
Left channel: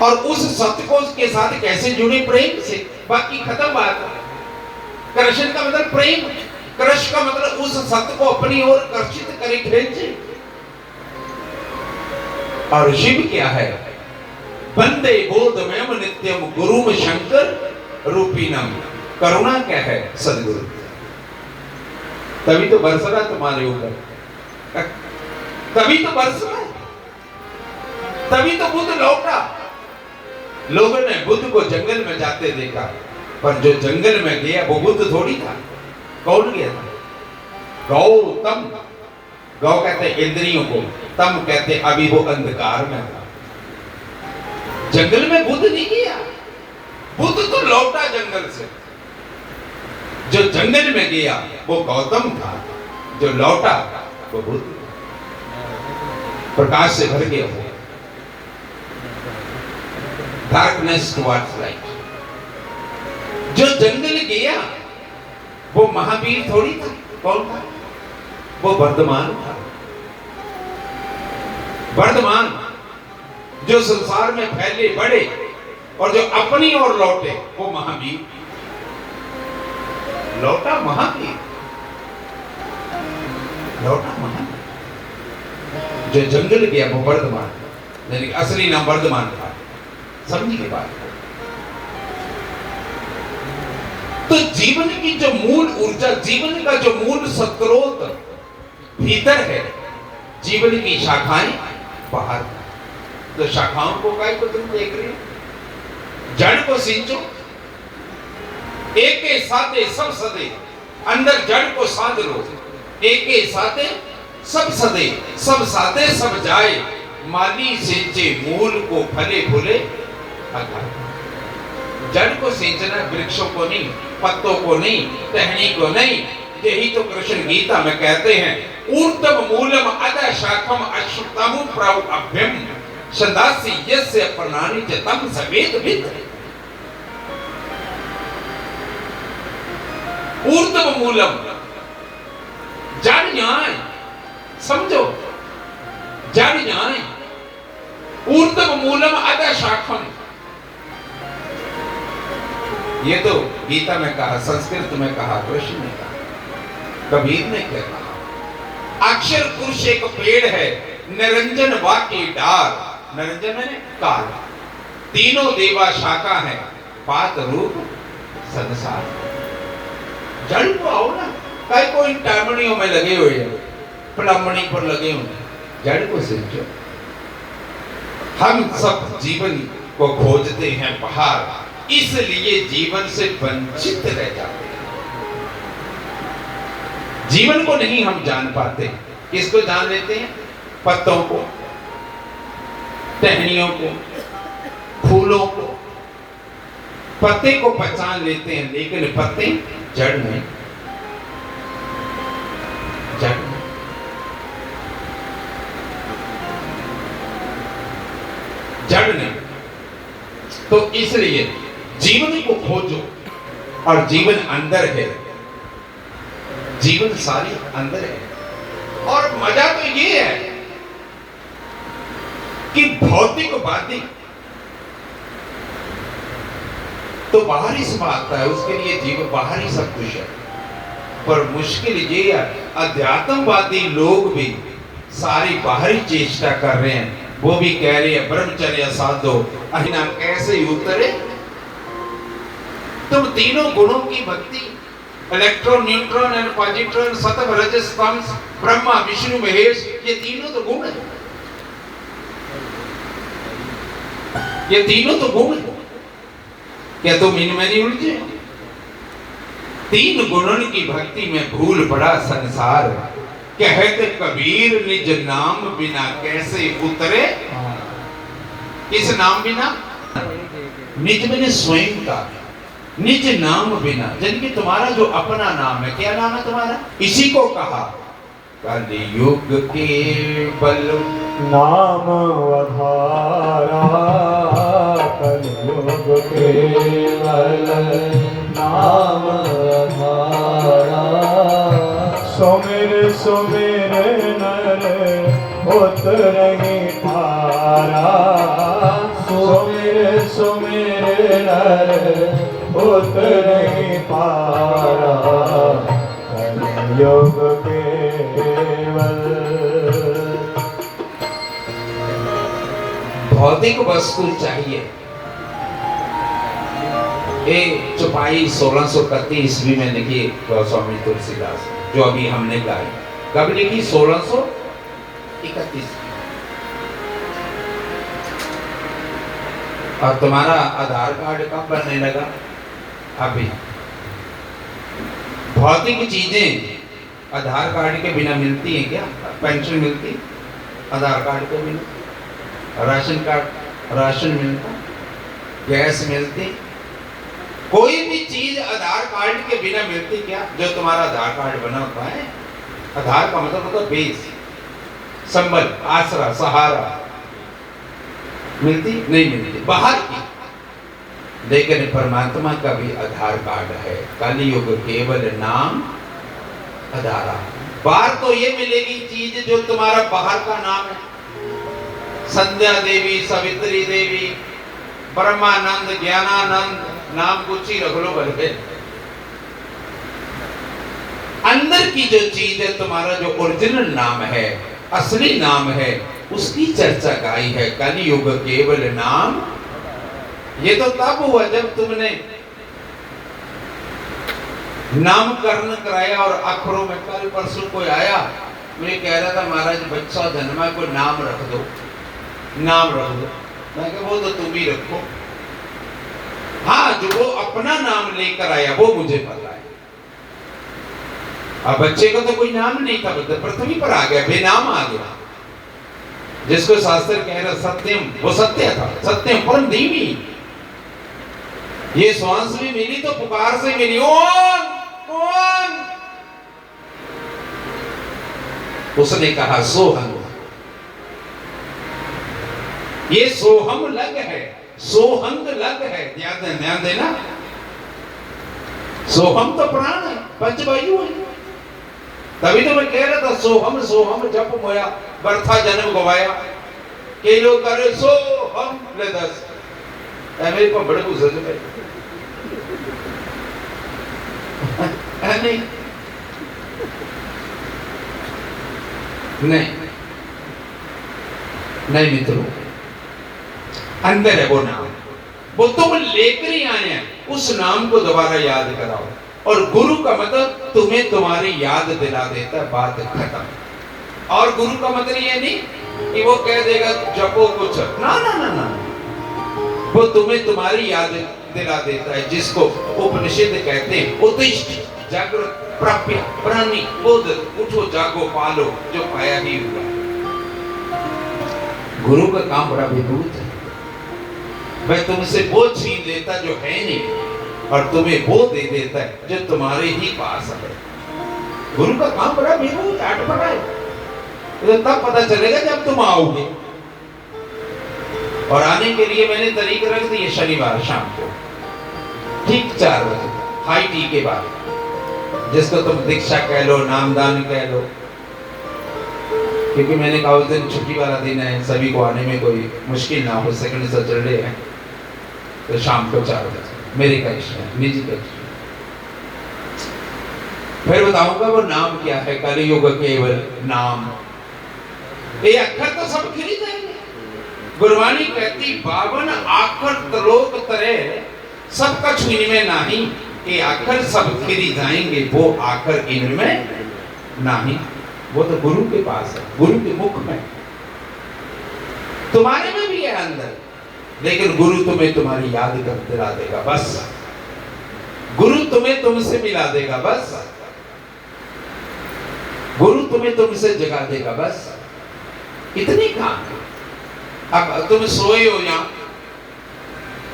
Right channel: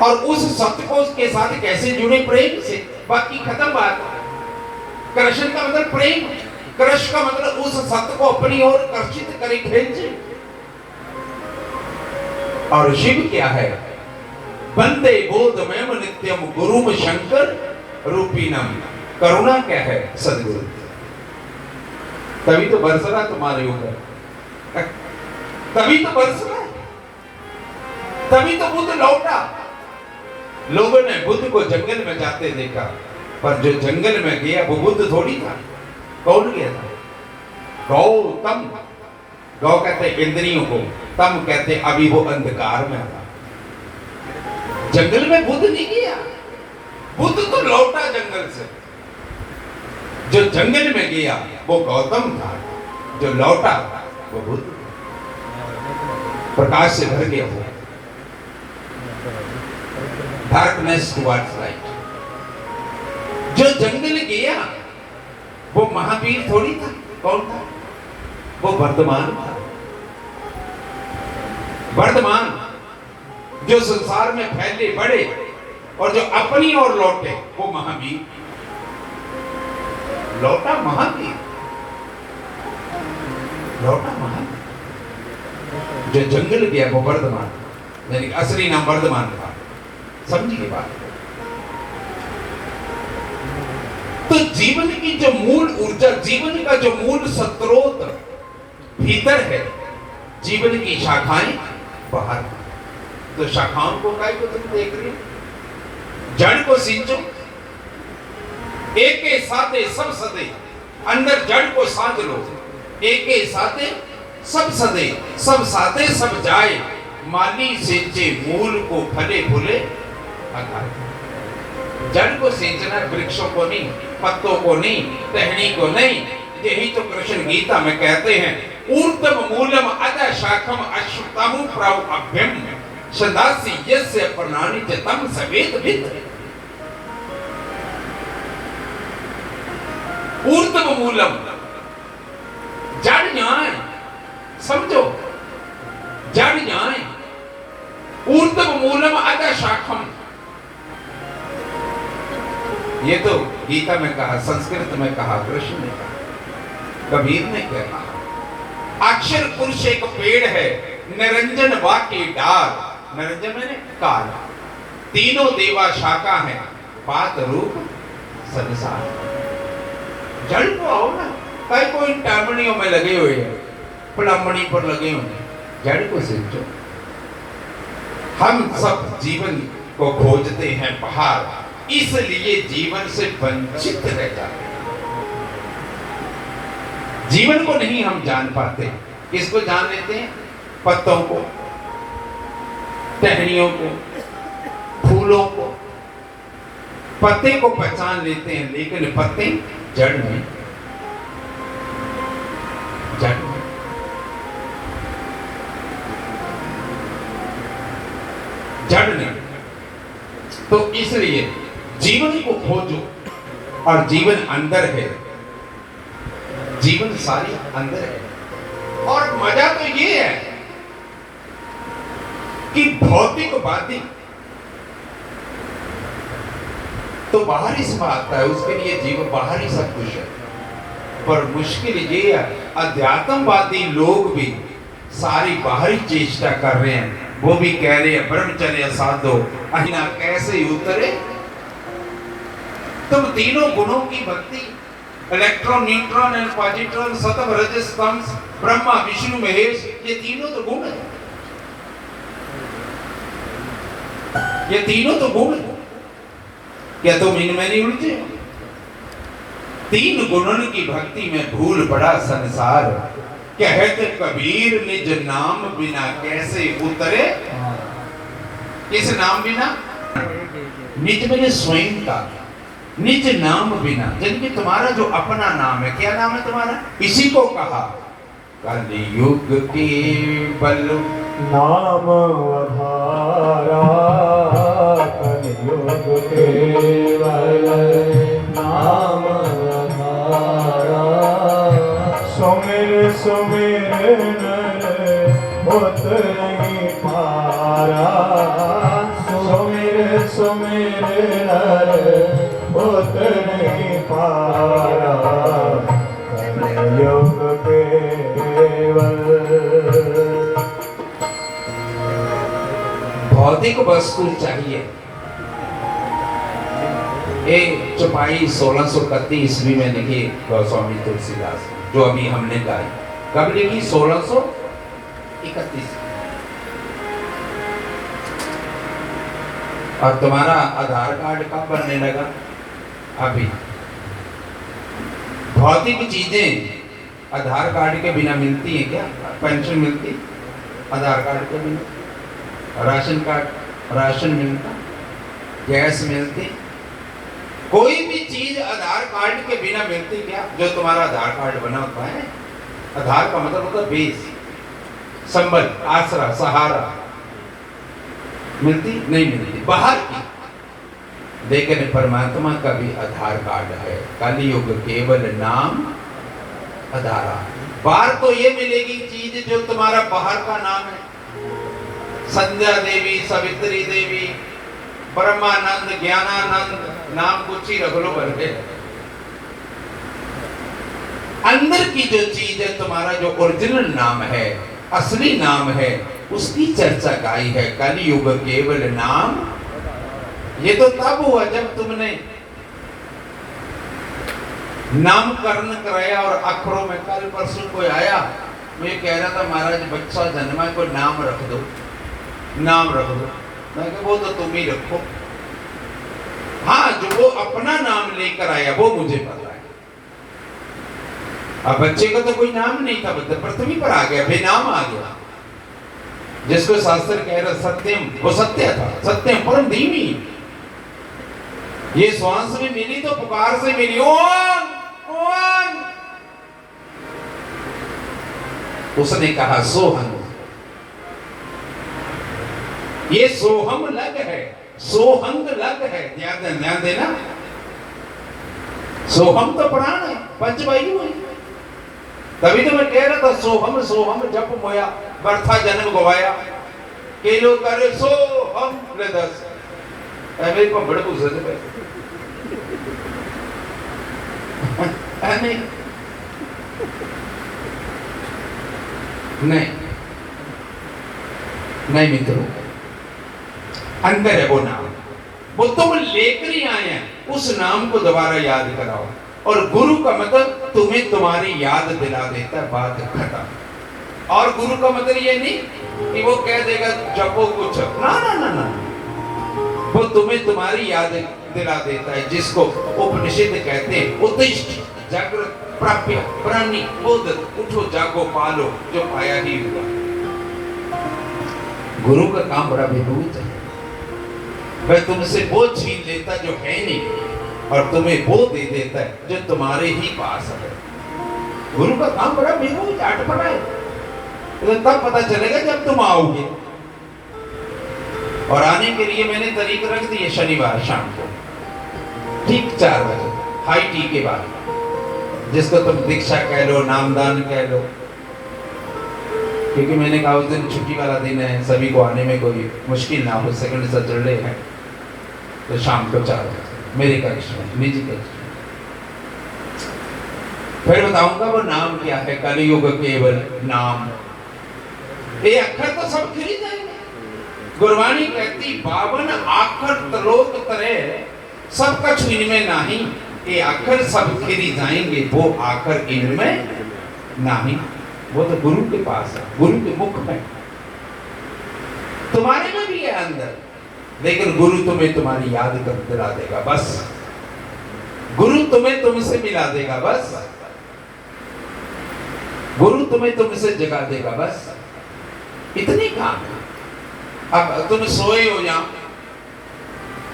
और उस सत्य को के साथ कैसे जुड़े? प्रेम से। बाकी खत्म बात। कृष्ण का मतलब प्रेम, कृष्ण का मतलब उस सत्य को अपनी ओर आकर्षित करे, खींचे। और शिव क्या है? वंदे बोधमयम नित्यम गुरुम शंकर रूपीनम। करुणा क्या है? सदगुरु। तभी तो बरस रहा तुम्हारे ऊपर, तभी तो बरस रहा, तभी तो बुद्ध लौटा, लोगों ने बुद्ध को जंगल में जाते देखा, पर जो जंगल में गया वो बुद्ध थोड़ी था। कौन गया था? गौतम। गौ कहते इंद्रियों को, तम कहते अभी वो अंधकार में था। जंगल में बुद्ध नहीं गया, बुद्ध तो लौटा जंगल से। जो जंगल में गया वो गौतम था, जो लौटा वो बुद्ध। प्रकाश से भर गया वो, डार्कनेस टुवर्ड्स लाइट। जो जंगल गया वो महावीर थोड़ी था। कौन था? वो वर्धमान था। वर्धमान जो संसार में फैले बढ़े और जो अपनी ओर लौटे वो महावीर। लौटा महावीर, लौटा महावीर। जो जंगल गया वो वर्धमान, यानी कि असली नाम वर्धमान था। समझिए बात। तो जीवन की जो मूल ऊर्जा, जीवन का जो मूल स्रोत भीतर है, जीवन की शाखाएं बाहर। तो शाखाओं को काय को तुम देख रहे हो? जड़ को सींचो, एक के साथे सब सदे, अंदर जड़ को साध लो। एक के साथे सब सदे, सब साथे सब जाए, माली सींचे मूल को फले फूले अघाए। जड़ को सींचना, वृक्षों को नहीं, पत्तों को नहीं, टहनी को नहीं। यही तो कृष्ण गीता में कहते हैं, ऊर्ध्व मूलम अधः शाखम अश्वत्थम प्रभव्यम सदासि यस्य प्रणानि च तम सवेद विद। ऊर्ध्व मूलम, जड़ न्याय, समझो, जड़ न्याय। ऊर्ध्व मूलम अधः शाखम, ये तो गीता में कहा, संस्कृत में कहा, कृष्ण ने कहा, कबीर ने कहा। अक्षर पुरुष एक पेड़ है, निरंजन वाके डार। निरंजन मैंने काल। तीनों देवा शाखा है, बात रूप संसार। जड़ को आओ ना, कई कोई टामणियों में लगे हुए हैं, प्लम्बनी पर लगे हुए हैं। जड़ को सींचो। हम सब जीवन को खोजते हैं बाहर, इसलिए जीवन से वंचित रह जाते हैं। जीवन को नहीं हम जान पाते। किसको जान लेते हैं? पत्तों को, टहनियों को, फूलों को। पत्ते को पहचान लेते हैं, लेकिन पत्ते जड़ में, जड़ में। जड़ नहीं। तो इसलिए जीवन को खोजो, और जीवन अंदर है, जीवन सारी अंदर है। और मजा तो ये है कि भौतिकवादी तो बाहरी से आता है, उसके लिए जीवन बाहरी सब कुछ है। पर मुश्किल ये है, अध्यात्मवादी लोग भी सारी बाहरी चेष्टा कर रहे हैं। वो भी कह रहे हैं ब्रह्मचर्य साधो, अहिना कैसे उतरे। तुम तीनों गुणों की भक्ति, इलेक्ट्रॉन, न्यूट्रॉन एंड पॉजिट्रॉन, सतम रजस तम, ब्रह्मा विष्णु महेश, ये तीनों तो गुण है। ये तीनों तो गुण है। क्या तुम इनमें नहीं उलझे? तीन गुणों की भक्ति में भूल पड़ा संसार। कहते कबीर निज नाम बिना कैसे उतरे। किस नाम बिना? निज मैंने स्वयं का, निज नाम बिना, यानी कि तुम्हारा जो अपना नाम है। क्या नाम है तुम्हारा? इसी को कहा कलयुग के बल नाम आधारा, कलयुग के बल नाम आधारा। सुमिर सुमिर नर होत नहीं पारा, सुमिर सुमिर नर होत नहीं पारा। कलयुग केवल भौतिक वस्तु चाहिए। एक चौपाई 1631 ईस्वी में लिखी गोस्वामी तुलसीदास, जो अभी हमने गाई। कब लिखी? 1631। और तुम्हारा आधार कार्ड कब बनने लगा? अभी। भौतिक चीजें आधार कार्ड के बिना मिलती हैं क्या? पेंशन मिलती आधार कार्ड के बिना, राशन मिलता, गैस मिलती, कोई भी चीज आधार कार्ड के बिना मिलती क्या? जो तुम्हारा आधार कार्ड बना होता है, आधार का मतलब होता है बेस, संबल, आसरा, सहारा, मिलती नहीं मिलती बाहर की। लेकिन परमात्मा का भी आधार कार्ड है। कलि युग केवल नाम आधारा। बाहर तो ये मिलेगी चीज जो तुम्हारा बाहर का नाम है, संध्या देवी, सावित्री देवी, ब्रह्मानंद, ज्ञानानंद, नाम कुछ ही रख लो बल्कि अंदर की जो चीज है, तुम्हारा जो ओरिजिनल नाम है, असली नाम है, उसकी चर्चा गाई है। कलि युग केवल नाम। ये तो तब हुआ जब तुमने नामकरण कराया और अक्षरों में। कल परसों कोई आया, मुझे कह रहा था महाराज बच्चा जन्मा है, कोई नाम रख दो, नाम रख दो। मैं कहा वो तो तुम ही रखो। हाँ, जो वो अपना नाम लेकर आया वो मुझे पता है। अब बच्चे का तो कोई नाम नहीं था, पृथ्वी पर आ गया, बेनाम आ गया। जिसको शास्त्र कह रहा सत्यम, वो सत्य था, सत्यम परम धीमी। ये श्वास में मिली तो पुकार से मिली, ओम कौन? उसने कहा सोहम। ये सोहम लग है, सोहंग लग है। ध्यान देना, सोहम तो प्राण है, पंचवायु है। तभी तो मैं कह रहा था सोहम सोहम जप मोया, बरथा जन्म गवाया, के लोग करे सोहम ले दस। मेरे को बड़े गुजर पे नहीं नहीं नहीं मित्रों, अंदर है वो नाम, वो तुम लेकर ही आए हैं। उस नाम को दोबारा याद कराओ। और गुरु का मतलब तुम्हें तुम्हारी याद दिला देता है, बात खत्म। और गुरु का मतलब ये नहीं कि वो कह देगा जपो कुछ, ना ना ना ना, वो तुम्हें तुम्हारी याद दिला देता है, जिसको उपनिषद कहते हैं उत्तिष्ठ जागृत प्राप्य प्राणी बोध, उठो जागो पालो जो पाया ही हुआ। गुरु का काम बड़ा विभूत है। वह तुमसे वो छीन लेता जो है नहीं, और तुम्हें वो दे देता है जो तुम्हारे ही पास है। गुरु का काम बड़ा विभूत अटपटा है। तो तब पता चलेगा जब तुम आओगे। और आने के लिए मैंने तारीख रख दी है शनिवार शाम को ठीक 4 बजे, हाई टी के बाद, जिसको तुम दीक्षा कह लो, नामदान कह लो। क्योंकि मैंने कहा उस दिन छुट्टी वाला दिन है, सभी को आने में कोई मुश्किल ना हो, सेकंड सैटरडे है, तो शाम को 4 बजे मेरे कनिष्ठ में, निजी कनिष्ठ। फिर बताऊंगा वो नाम क्या है। कलियुग केवल नाम। ये अक्षर तो सब गिरी जाएंगे। गुरबाणी कहती 52 आखर त्रोक तरे सब कछ इनमें नहीं। ये आखर सब गिरी जाएंगे, वो आखर इनमें नहीं। वो तो गुरु के पास है, गुरु के मुख में। तुम्हारे में भी है अंदर, लेकिन गुरु तुम्हें तुम्हारी याद कर दिला देगा बस। गुरु तुम्हें तुमसे मिला देगा बस। गुरु तुम्हें तुमसे जगा देगा बस। इतने काम। अब तुम सोए हो यहां,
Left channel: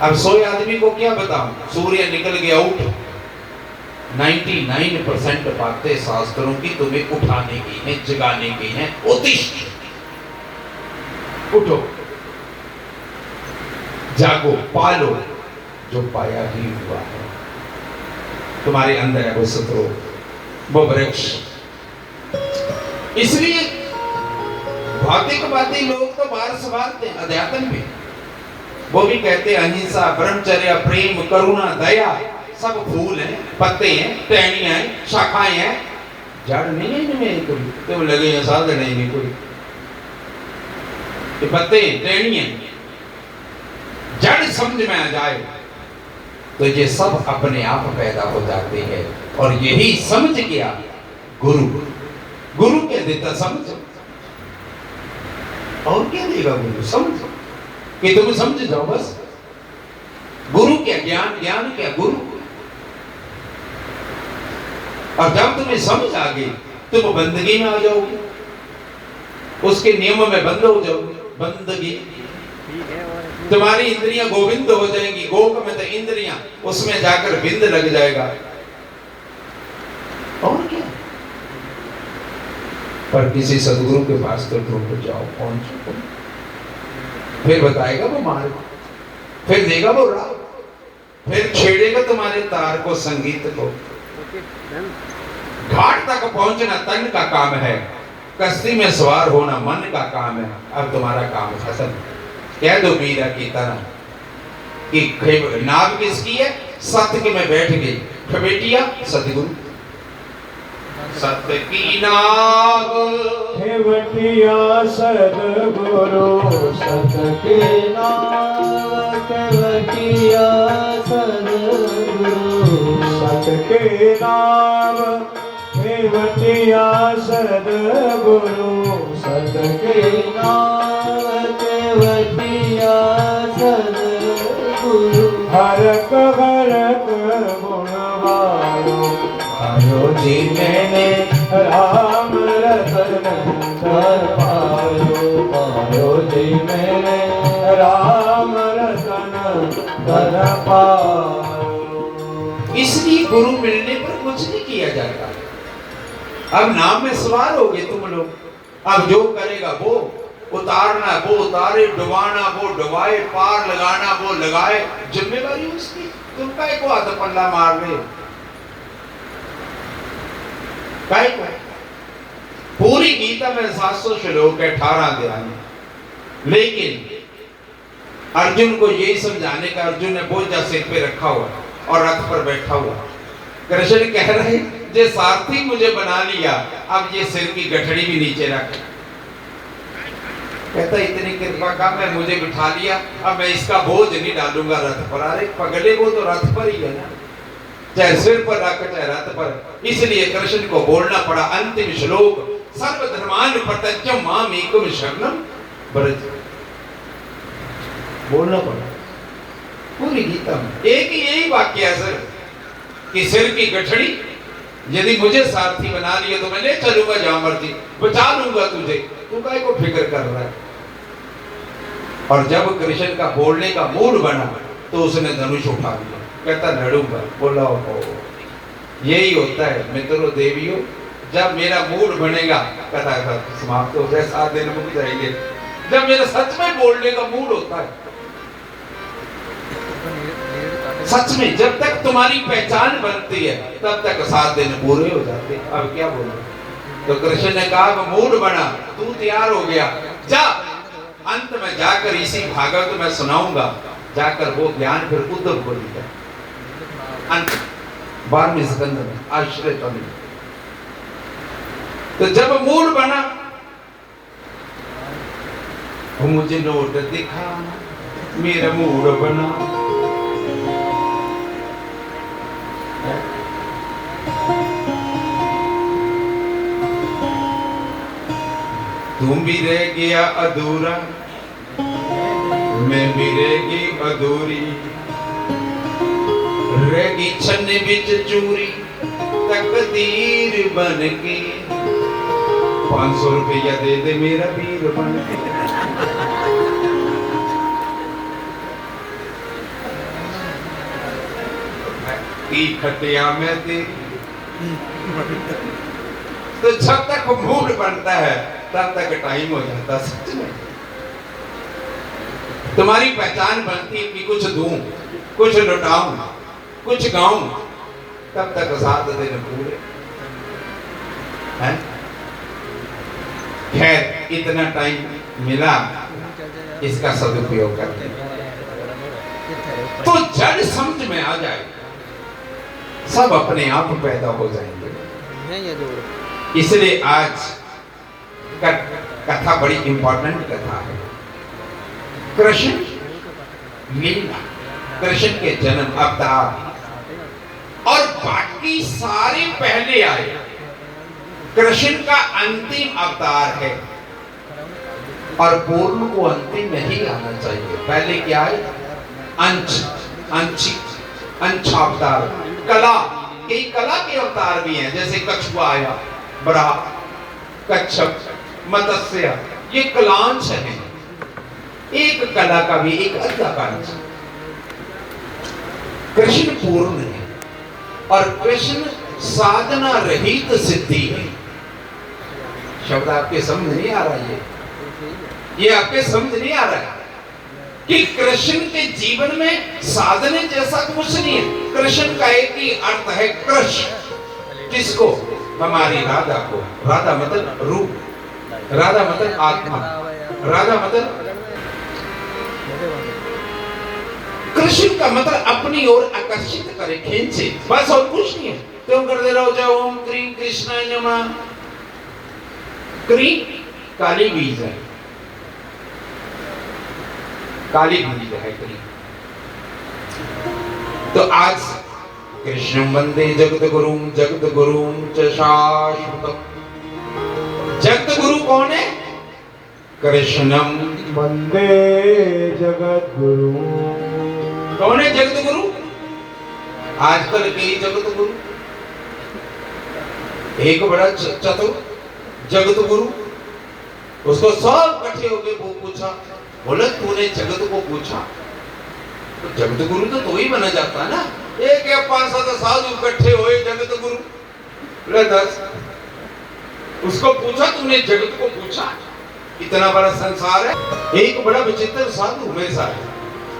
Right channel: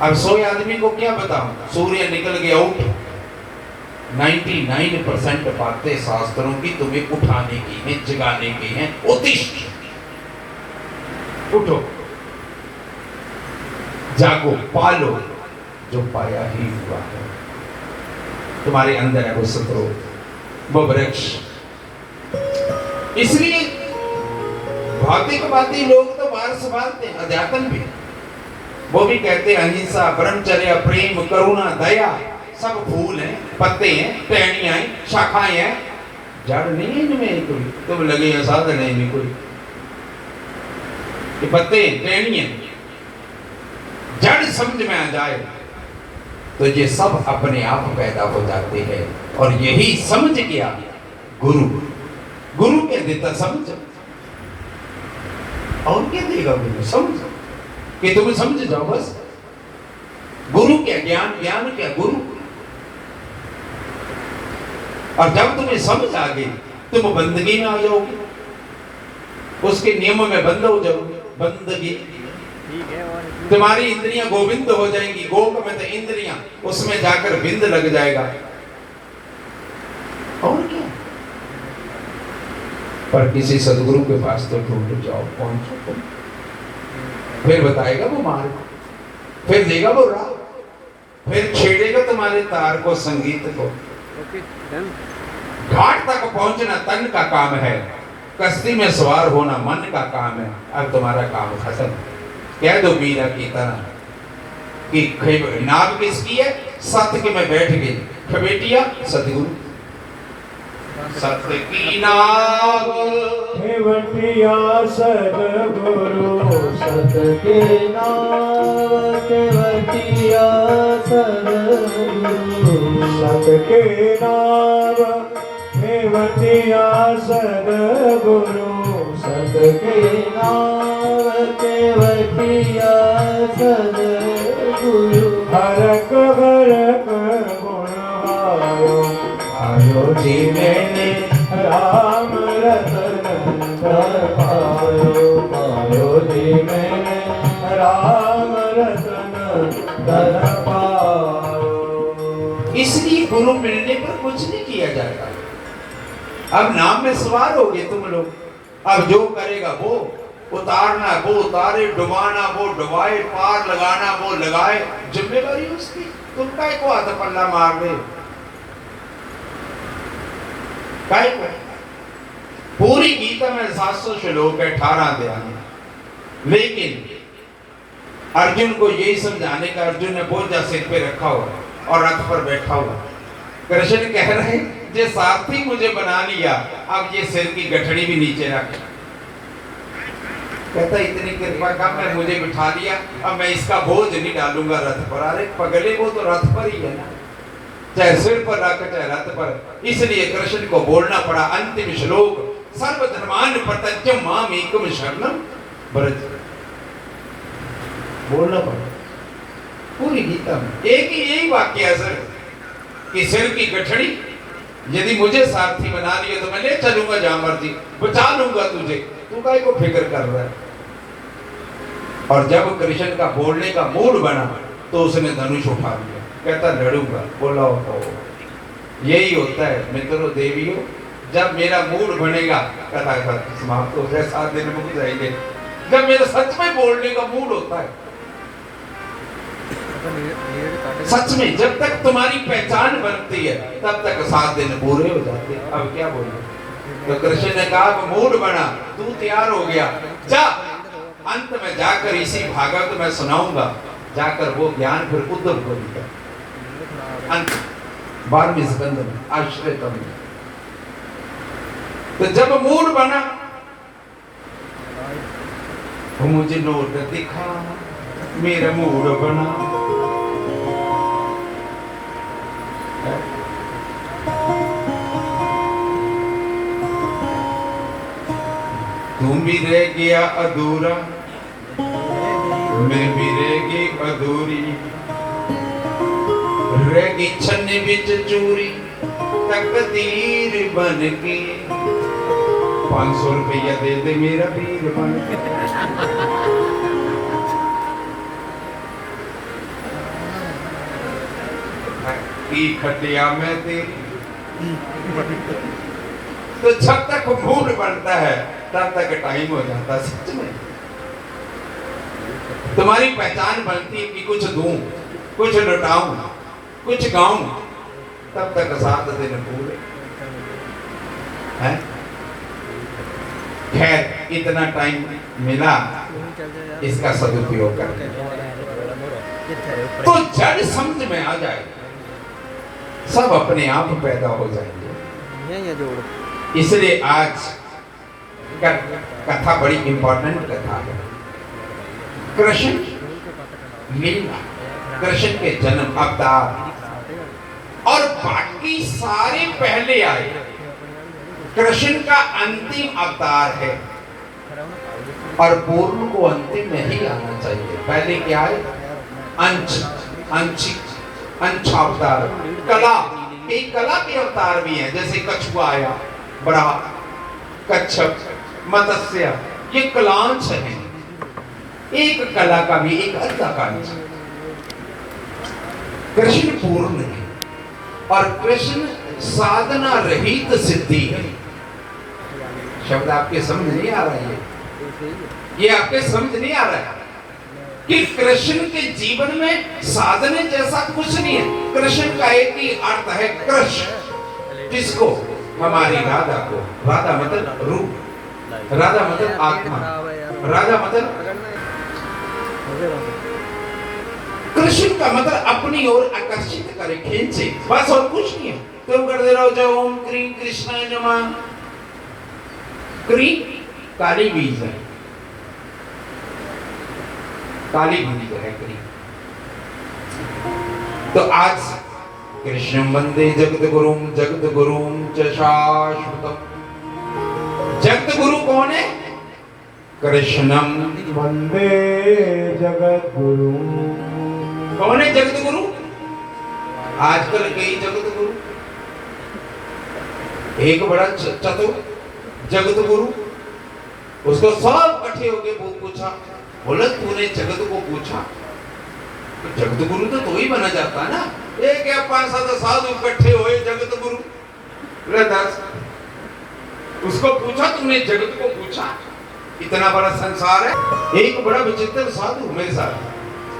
अब सोए आदमी को क्या बताऊं? सूर्य निकल गया, उठ। 99% बातें शास्त्रों की तुम्हें उठाने की हैं, जगाने की हैं। उत्तिष्ठ, उठो, जागो, पालो जो पाया ही हुआ है। तुम्हारे अंदर है वो सत्रो, वो वृक्ष। इसलिए भौतिकवादी लोग तो बाहर संभालते हैं, अध्यात्म भी वो भी कहते हैं अहिंसा, ब्रह्मचर्य, प्रेम, करुणा, दया सब फूल हैं, पत्ते हैं, टहनियां हैं, शाखाएं हैं, जड़ नहीं है इनमें कोई। तुम लगे साधन है नहीं कोई। ये पत्ते टहनियां जड़ समझ में आ जाए तो ये सब अपने आप पैदा हो जाते हैं। और यही समझ गया गुरु। गुरु क्या देता? समझ। और क्या देगा गुरु? समझ, कि तुम समझ जाओ बस। क्या ज्ञान, ज्ञान क्या गुरु। और जब तुम्हें समझ आ गई तुम बंदगी में आ जाओगे, उसके नियम में बंद हो जाओगे। बंदगी तुम्हारी इंद्रियां गोविंद हो जाएंगी, गोक में तो इंद्रियां, उसमें जाकर बिंद लग जाएगा। और क्या, पर किसी सदगुरु के पास तो ढूंढ जाओ, पहुंचो तुम, फिर बताएगा वो मार्ग, फिर देगा वो राह, फिर छेड़ेगा तुम्हारे तार को, संगीत को। घाट तक पहुंचना तन का काम है, कश्ती में सवार होना मन का काम है। अब तुम्हारा काम खत्म। कह दो मीरा की तरह कि नाव किसकी है, सत्य में बैठ गई बेटिया सतगुरु। सत्य की नाव केवटिया सतगुरु, सत्य के नाव केवटिया सतगुरु, सत्य के नाव केवटिया सतगुरु, सत्य के नाव केवटिया सतगुरु। हरक हरक गुण वायो, आयो जी मैंने राम रतन धर पायो, पायो जी मैंने राम रतन धर पायो। इसलिए गुरु मिलने पर कुछ नहीं किया जाता। अब नाम में सवार हो गए तुम लोग, अब जो करेगा वो उतारना, वो उतारे, डुबाना वो डुबाए, पार लगाना वो लगाए, जिम्मेवारी उसकी। तुम काय को हाथ पल्ला मार रहे हो, काय को? पूरी गीता में 700 श्लोक है, 18 अध्याय। लेकिन अर्जुन को यही समझाने का, अर्जुन ने बोझा सिर पे रखा हुआ और रथ पर बैठा हुआ। कृष्ण कह रहे जे सारथी मुझे बना लिया, अब ये सिर की गठड़ी भी नीचे रख। कहता इतनी कृपा का मैं मुझे बिठा लिया, अब मैं इसका बोझ नहीं डालूंगा रथ पर। अरे पगले, वो तो रथ पर ही है ना, चाहे सिर पर रख चाहे रथ पर। इसलिए कृष्ण को बोलना पड़ा अंतिम श्लोक, सर्वधर्मान प्रत्यज्य माम एकम शरणम व्रज। बोलना पड़ा पूरी गीता में एक ही यही वाक्य है सर, कि सिर की गठड़ी यदि मुझे सारथी बना लिया तो मैं ले चलूंगा जहां मर्जी, बचा लूंगा तुझे, तू काय को फिक्र कर रहा है। और जब कृष्ण का बोलने का मूड बना तो उसने धनुष उठा लिया, कहता लड़ूंगा। बोला हो, यही होता है मित्रों देवियों, जब मेरा मूड बनेगा कहता समाप्त हो जाए, 7 दिन मुक जाएंगे। जब मेरा सच में बोलने का मूड होता है, सच में जब तक तुम्हारी पहचान बनती है तब तक 7 दिन पूरे हो जाते हैं। अब क्या बोले, तो कृष्ण ने कहा मूड बना, तू तैयार हो गया, जा अंत में जाकर इसी भागवत में सुनाऊंगा, जाकर वो ज्ञान फिर उद्धव को दिया। अंत 12वें स्कंद में आश्रय में। तो जब मूड बना, वो मुझे नोट दिखा, मेरा मूड बना। तुम भी रह गया अधूरा, मैं भी रह गई अधूरी, रह गई छन्ने बिच चूरी, तकदीर बन के। 500 रुपया दे दे मेरा वीर बन के। की खटिया में तेरी। तो जब तक मूड बनता है तब तक टाइम हो जाता। सच में तुम्हारी पहचान बनती है कि कुछ दूं, कुछ लुटाऊं, कुछ गाऊं, तब तक 7 दिन पूरे हैं। खैर इतना टाइम मिला, इसका सदुपयोग करते हैं तो जड़ समझ में आ जाए, सब अपने आप पैदा हो जाएंगे। इसलिए आज का कथा बड़ी इंपॉर्टेंट कथा है। कृष्ण लीला, कृष्ण के जन्म, अवतार, और बाकी सारे पहले आए। कृष्ण का अंतिम अवतार है और पूर्ण को अंतिम में ही आना चाहिए। पहले क्या है? अंश, अंशिक अंशावतार, कला, कई कला के अवतार भी हैं, जैसे कछुआ आया, बड़ा, कच्छप, मत्स्य, ये कलांश हैं। एक कला का भी एक अद्धा कांश। कृष्ण पूर्ण है और कृष्ण साधना रहित सिद्धि है। शब्द आपके समझ नहीं आ रहा है, ये आपके समझ नहीं आ रहा है कि कृष्ण के जीवन में साधने जैसा कुछ नहीं है। कृष्ण का एक ही अर्थ है कृष्ण, किसको? हमारी राधा को। राधा मतलब रूप, राधा मतलब आत्मा, राधा मतलब कृष्ण का मतलब अपनी ओर आकर्षित करे, खींचे, बस और कुछ नहीं है। तुम करते रहो जय ओम क्रीम कृष्णाय नमः। क्रीम काली बीज है, काली बीज है क्रीम। तो आज कृष्णं वंदे जगत गुरुम च शाश्वतम। जगत गुरु कौन है? कृष्णम वंदे जगत गुरु। कौन है जगत गुरु? आजकल कई जगत गुरु, एक बड़ा चतुर जगत गुरु, उसको सब इकट्ठे हो गए, वो पूछा, बोला तूने जगत को पूछा? तो जगत गुरु तो ही बना जाता ना। एक या 5-7 साधु इकट्ठे हुए जगत गुरु, 10 उसको पूछा, तुमने जगत को पूछा? इतना बड़ा संसार है। एक बड़ा विचित्र साधु मेरे साथ,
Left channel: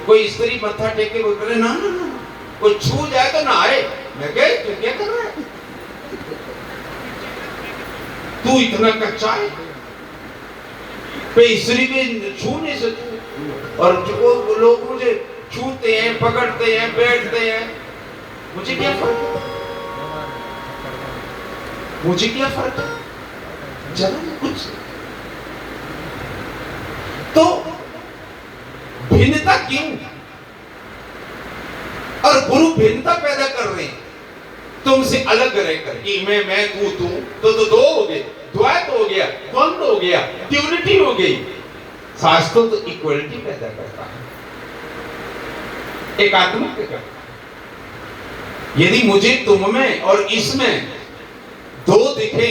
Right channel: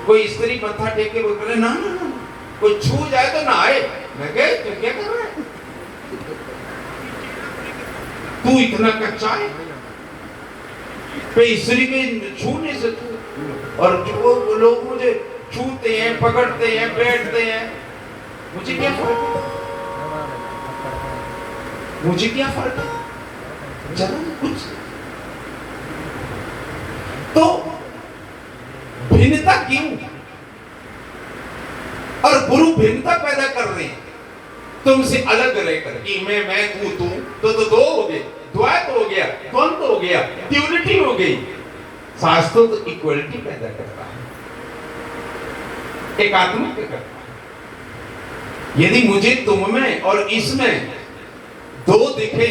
कोई स्त्री मत्था टेके बोल रहे ना ना ना, कोई छू जाए तो ना आए। मैं कह तू क्या कर रहा है, तू इतना कच्चा है, स्त्री के छू नहीं सकते। और जो लोग मुझे छूते हैं, पकड़ते हैं, बैठते हैं, मुझे क्या फर्क है? मुझे क्या फर्क है? जब कुछ तो भिन्नता क्यों? और गुरु भिन्नता पैदा कर रहे हैं तुमसे अलग रहकर कि मैं तू, तो दो हो गए, द्वैत हो गया, द्वंद हो गया, ड्यूलिटी हो गई। शास्त्र तो इक्वलिटी पैदा करता है, एकात्मक करता है। यदि मुझे तुम में और इसमें दो दिखे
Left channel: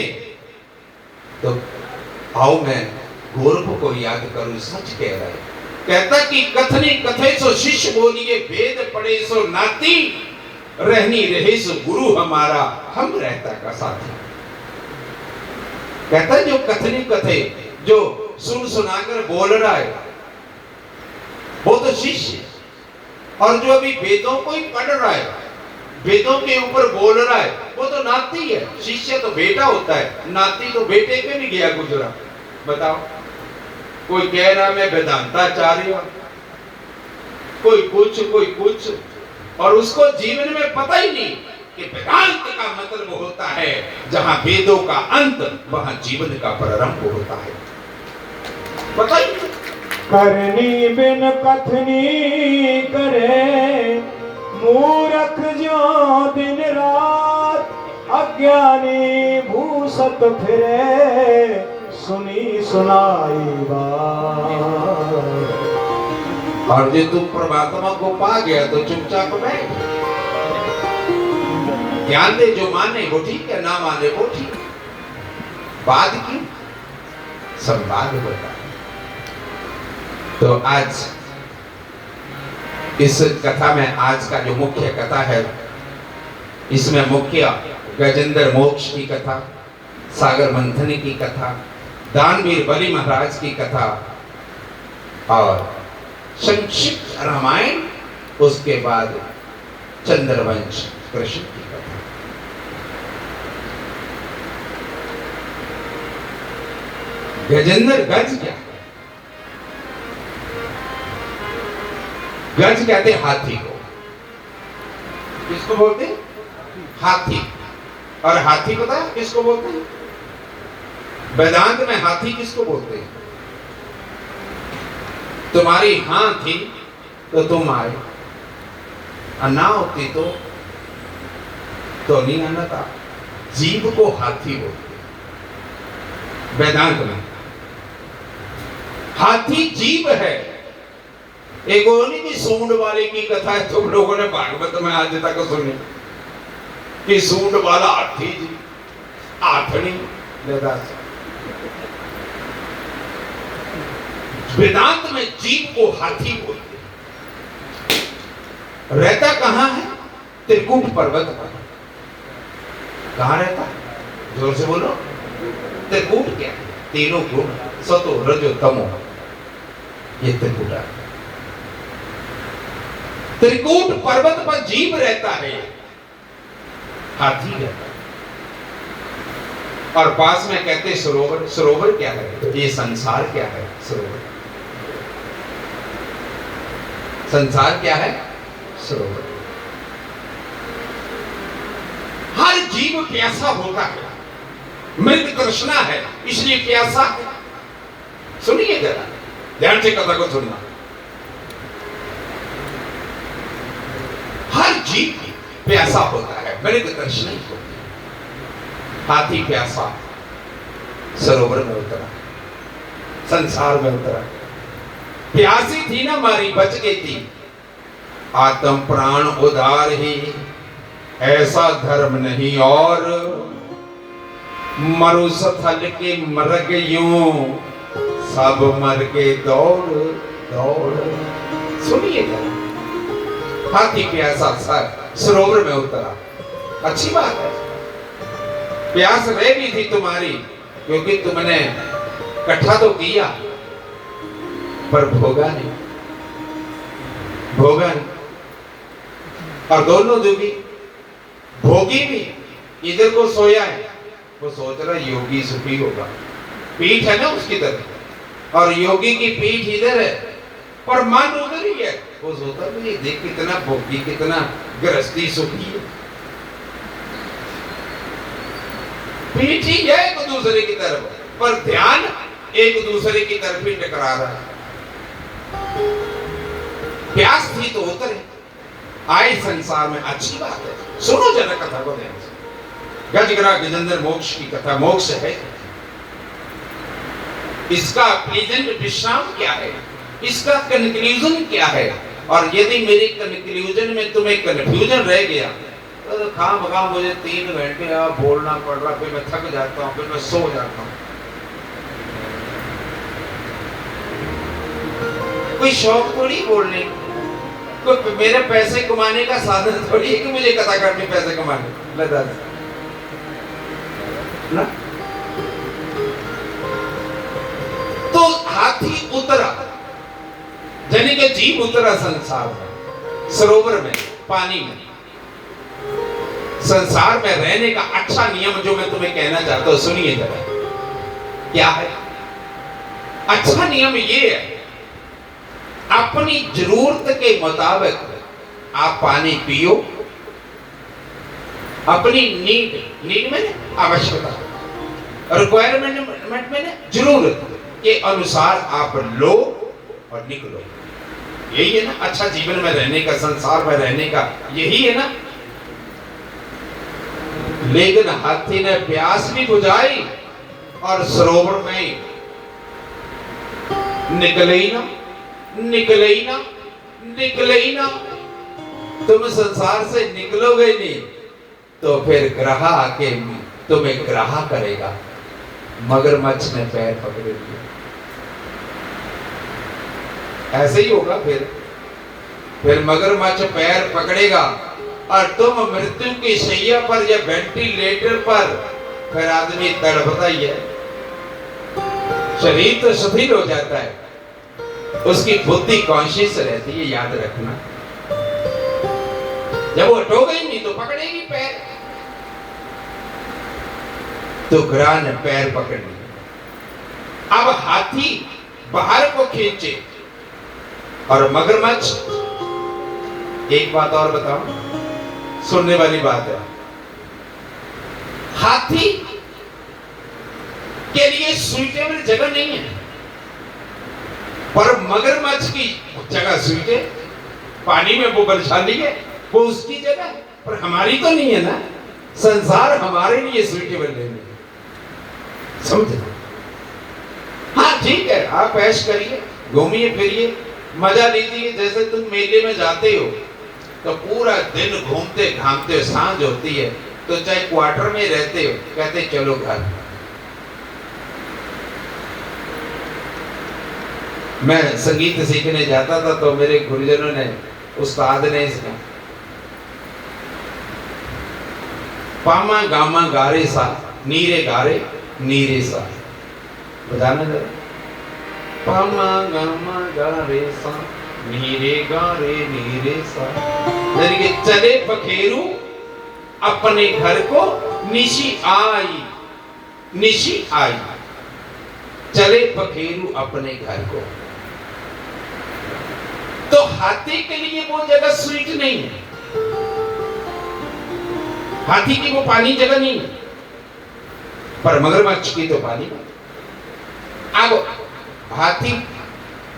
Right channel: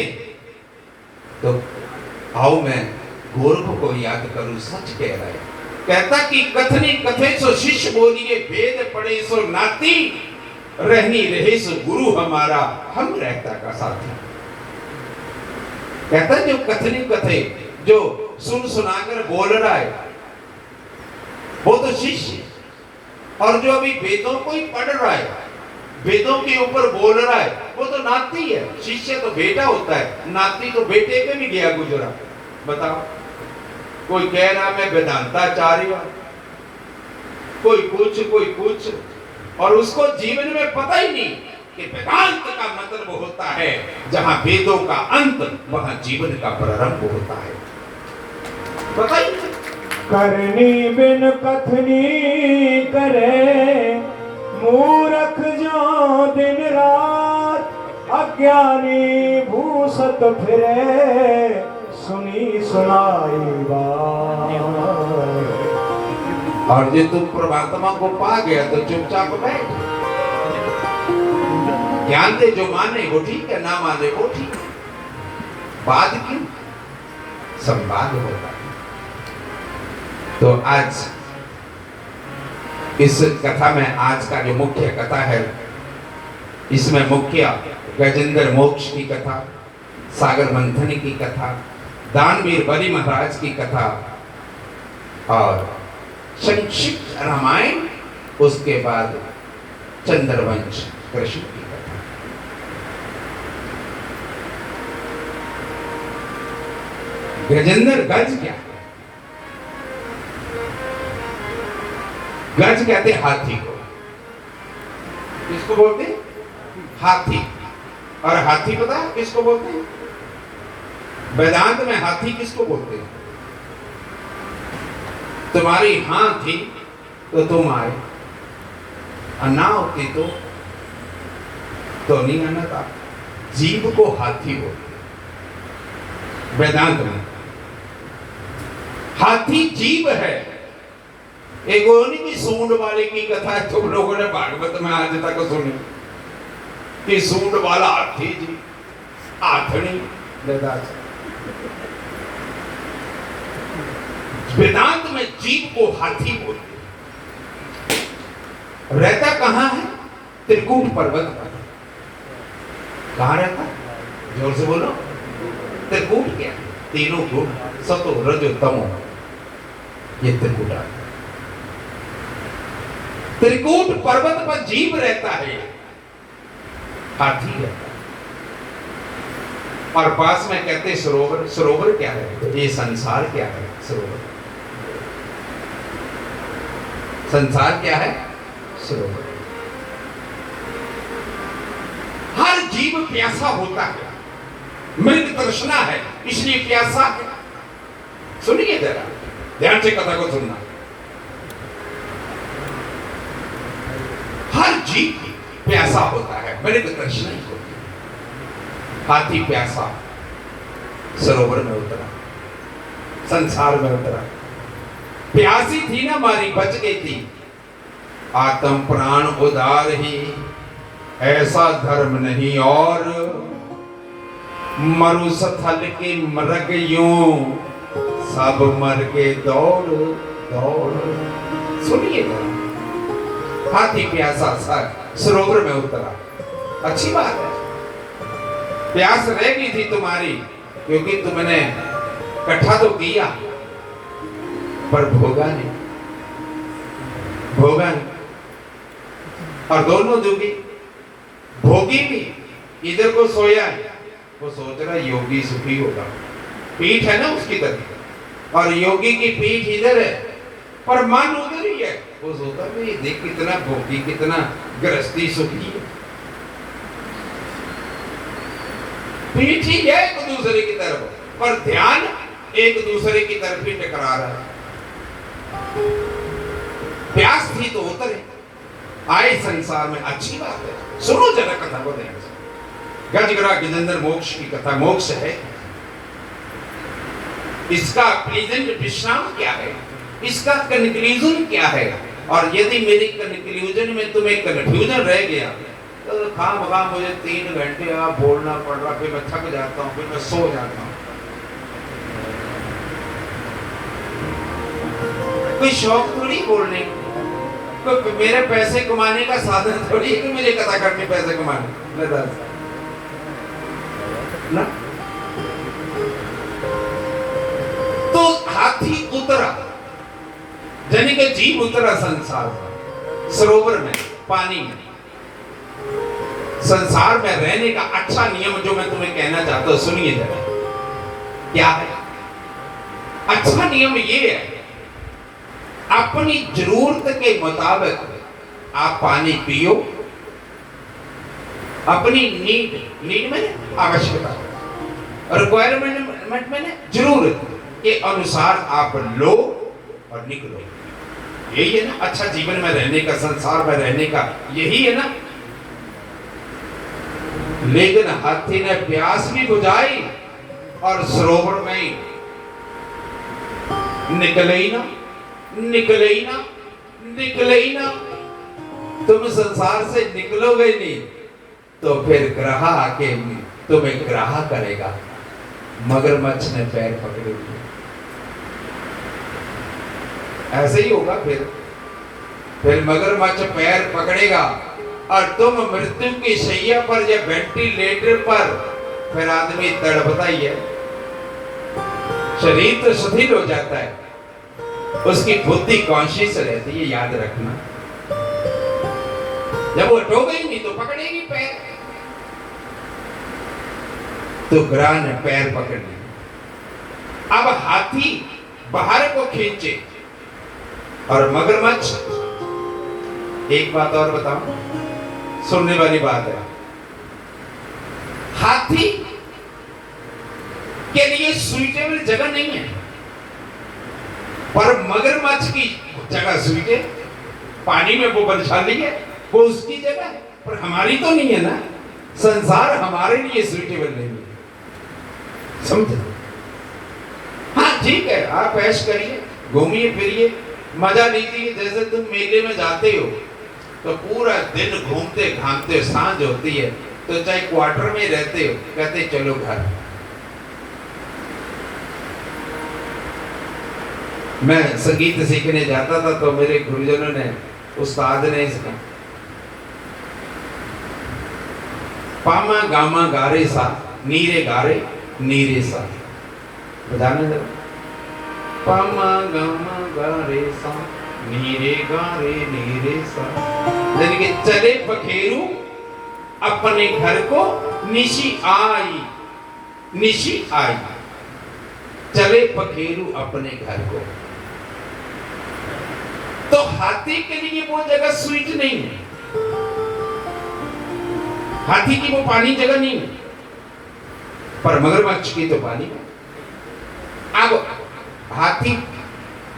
तो आओ मैं गोरख को याद करूं, सच कह रहा है। कहता कि कथनी कथे सो शिष्य बोलिए, वेद पढ़े सो नाती, रहनी रहे सो गुरु हमारा, हम रहता का साथी। कहता जो कथनी कथे, जो सुन सुनाकर बोल रहा है, वो तो शिष्य, और जो अभी वेदों को ही पढ़ रहा है, वेदों के ऊपर बोल रहा है, वो तो नाती है। शिष्य तो बेटा होता है, नाती तो बेटे पे भी गया गुजरा। बताओ, कोई कह रहा मैं वेदांताचार्य, कोई कुछ, और उसको जीवन में पता ही नहीं कि वेदांत का मतलब होता है जहां वेदों का अंत, वहां जीवन का प्रारंभ होता है। पता ही नहीं। करनी बिन कथनी करे, मूर्ख जो दिन रात, अज्ञानी भूसत फिरे, सुनी सुनाई बात। और जो तुम परमात्मा को पा गया तो चुपचाप बैठ, ज्ञान दे, जो माने वो ठीक है, ना माने वो ठीक है। बात क्यों? संवाद होता है। तो आज इस कथा में, आज का जो मुख्य कथा है, इसमें मुख्य गजेंद्र मोक्ष की कथा, सागर मंथन की कथा, दानवीर बलि महाराज की कथा और संक्षिप्त रामायण, उसके बाद चंद्रवंश कृष्ण की कथा। गजेंद्र गज क्या है? गज कहते हाथी को। किसको बोलते हैं? हाथी। और हाथी पता है किसको बोलते हैं? वेदांत में हाथी किसको बोलते हैं? तुम्हारी हां थी तो तुम आए, ना होती तो नहीं आना था। जीव को हाथी बोलते हैं वेदांत में। हाथी जीव है, एक होनी की सूंड वाले की कथा है, तुम लोगों ने भागवत में आज तक सुनी कि सूंड वाला हाथी जी आथनी वेदांत में जीव को हाथी बोलते हैं। रहता कहां है? त्रिकूट पर्वत पर। कहां रहता है? जोर से बोलो। त्रिकूट क्या है? तीनों गुण, सतो रजो तमो, ये त्रिकूट है। त्रिकूट पर्वत पर जीव रहता है, हाथी रहता है। और पास में कहते हैं सरोवर। सरोवर क्या है? ये संसार क्या है? सरोवर। संसार क्या है? सरोवर। हर जीव प्यासा होता है, मृग तृष्णा है इसलिए प्यासा है। सुनिए जरा ध्यान से कथा को सुनना। हर जीव प्यासा होता है, मृग तृष्णा होती है। हाथी प्यासा सरोवर में उतरा, संसार में उतरा। प्यासी थी ना मारी, बच गई थी। आत्म प्राण उदार ही, ऐसा धर्म नहीं और। मरुस्थल के मृग यूं, सब मर के दौड़ दौड़। सुनिए जरा, हाथी प्यासा सरोवर में उतरा। अच्छी बात है, प्यास रह गई थी तुम्हारी, क्योंकि तुमने इकट्ठा तो किया पर भोगा नहीं, भोगा नहीं। और दोनों दुखी, भोगी भी। इधर को सोया है, वो सोच रहा योगी सुखी होगा, पीठ है ना उसकी तरफ, और योगी की पीठ इधर है पर मन उधर ही है। वो सोचता है देख कितना भोगी, कितना गृहस्थी सुखी है। पीठ ही है एक दूसरे की तरफ, पर ध्यान एक दूसरे की तरफ ही टकरा रहा है। प्यास थी तो उतरे, आए संसार में। अच्छी बात है, सुनो जरा कथा को ध्यान से। गजगरा गजेंद्र मोक्ष की कथा। मोक्ष है, इसका प्लेजेंट विश्राम क्या है, इसका कंक्लूजन क्या है। और यदि मेरे कंक्लूजन में तुम्हें कंफ्यूजन रह गया तो खामखा मुझे 3 घंटे आप बोलना पड़ रहा, फिर मैं थक जाता हूं, फिर मैं सो जाता हूं। कोई शौक थोड़ी बोलने, कोई मेरे पैसे कमाने का साधन थोड़ी है कि मुझे कथा करके पैसे कमाने ना। तो हाथी उतरा, यानी कि जीव उतरा संसार में, सरोवर में, पानी में। संसार में रहने का अच्छा नियम जो मैं तुम्हें कहना चाहता हूं, सुनिए जरा। क्या है अच्छा नियम? ये है अपनी जरूरत के मुताबिक आप पानी पियो। अपनी नीड में आवश्यकता, रिक्वायरमेंट में जरूरत के अनुसार आप लो और निकलो। यही है ना अच्छा जीवन में रहने का, संसार में रहने का, यही है ना। लेकिन हाथी ने प्यास भी बुझाई और सरोवर में निकले ही ना, निकले ही ना, निकले ही ना। तुम संसार से निकलोगे नहीं तो फिर ग्रह आके तुम्हें ग्रह करेगा। मगरमच्छ ने पैर पकड़े हुए, ऐसे ही होगा। फिर मगरमच्छ पैर पकड़ेगा और तुम मृत्यु की शैया पर या वेंटिलेटर पर, फिर आदमी तड़पता ही है। शरीर तो शिथिल हो जाता है, उसकी बुद्धि कॉन्शियस रहती है, याद रखना। जब वो हटोगे ही नहीं तो पकड़ेगी पैर। तो ग्रह ने पैर पकड़ लिए। अब हाथी बाहर को खींचे और मगरमच्छ, एक बात और बताओ, सुनने वाली बात है। हाथी के लिए सुइटेबल जगह नहीं है, पर मगरमच्छ की जगह सुइटे, पानी में वो बलशाली है, वो उसकी जगह है, पर हमारी तो नहीं है ना। संसार हमारे लिए सुइटेबल नहीं है, समझे? हाँ ठीक है, आप ऐश करिए, घूमिए फिरिए, मजा लीजिए। जैसे तुम मेले में जाते हो तो पूरा दिन घूमते घामते सांझ होती है, तो चाहे क्वार्टर में रहते हो, कहते चलो घर। मैं संगीत सीखने जाता था तो मेरे गुरुजनों ने, उस्ताद ने इसका पामा गामा गारे सा नीरे सा बजाना जरा। पामा गामा गारे सा नीरे सा। यानी कि चले पखेरू अपने घर को, निशी आई चले पखेरू अपने घर को। तो हाथी के लिए वो जगह स्वीट नहीं है, हाथी की वो पानी जगह नहीं है, पर मगरमच्छ की तो पानी है। अब हाथी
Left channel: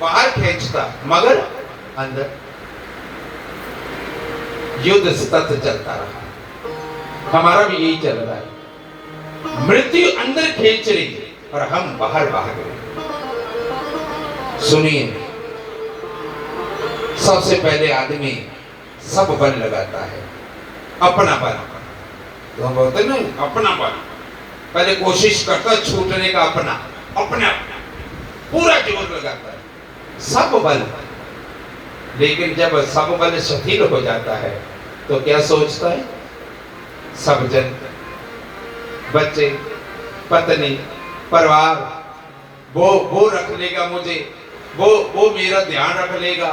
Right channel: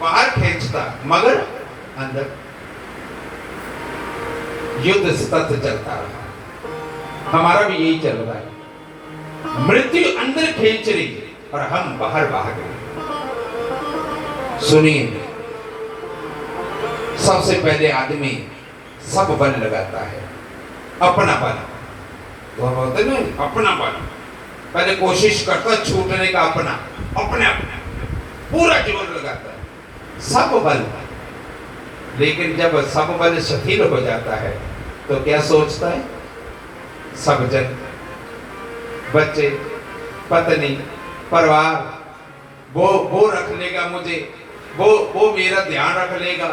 बाहर खींचता, मगर अंदर। युद्ध सतत चलता रहा, हमारा भी यही चल रहा है। मृत्यु अंदर खींच रही और हम बाहर भाग गए। सुनिए, सबसे पहले आदमी सब बल लगाता है, अपना बल। तो बोलते ना अपना बल, पहले कोशिश करता छूटने का, अपना पूरा जोर लगाता है, सब बल। लेकिन जब सब बल शिथिल हो जाता है तो क्या सोचता है? सब जन, बच्चे, पत्नी, परिवार, वो रख लेगा मुझे, वो मेरा ध्यान रख लेगा,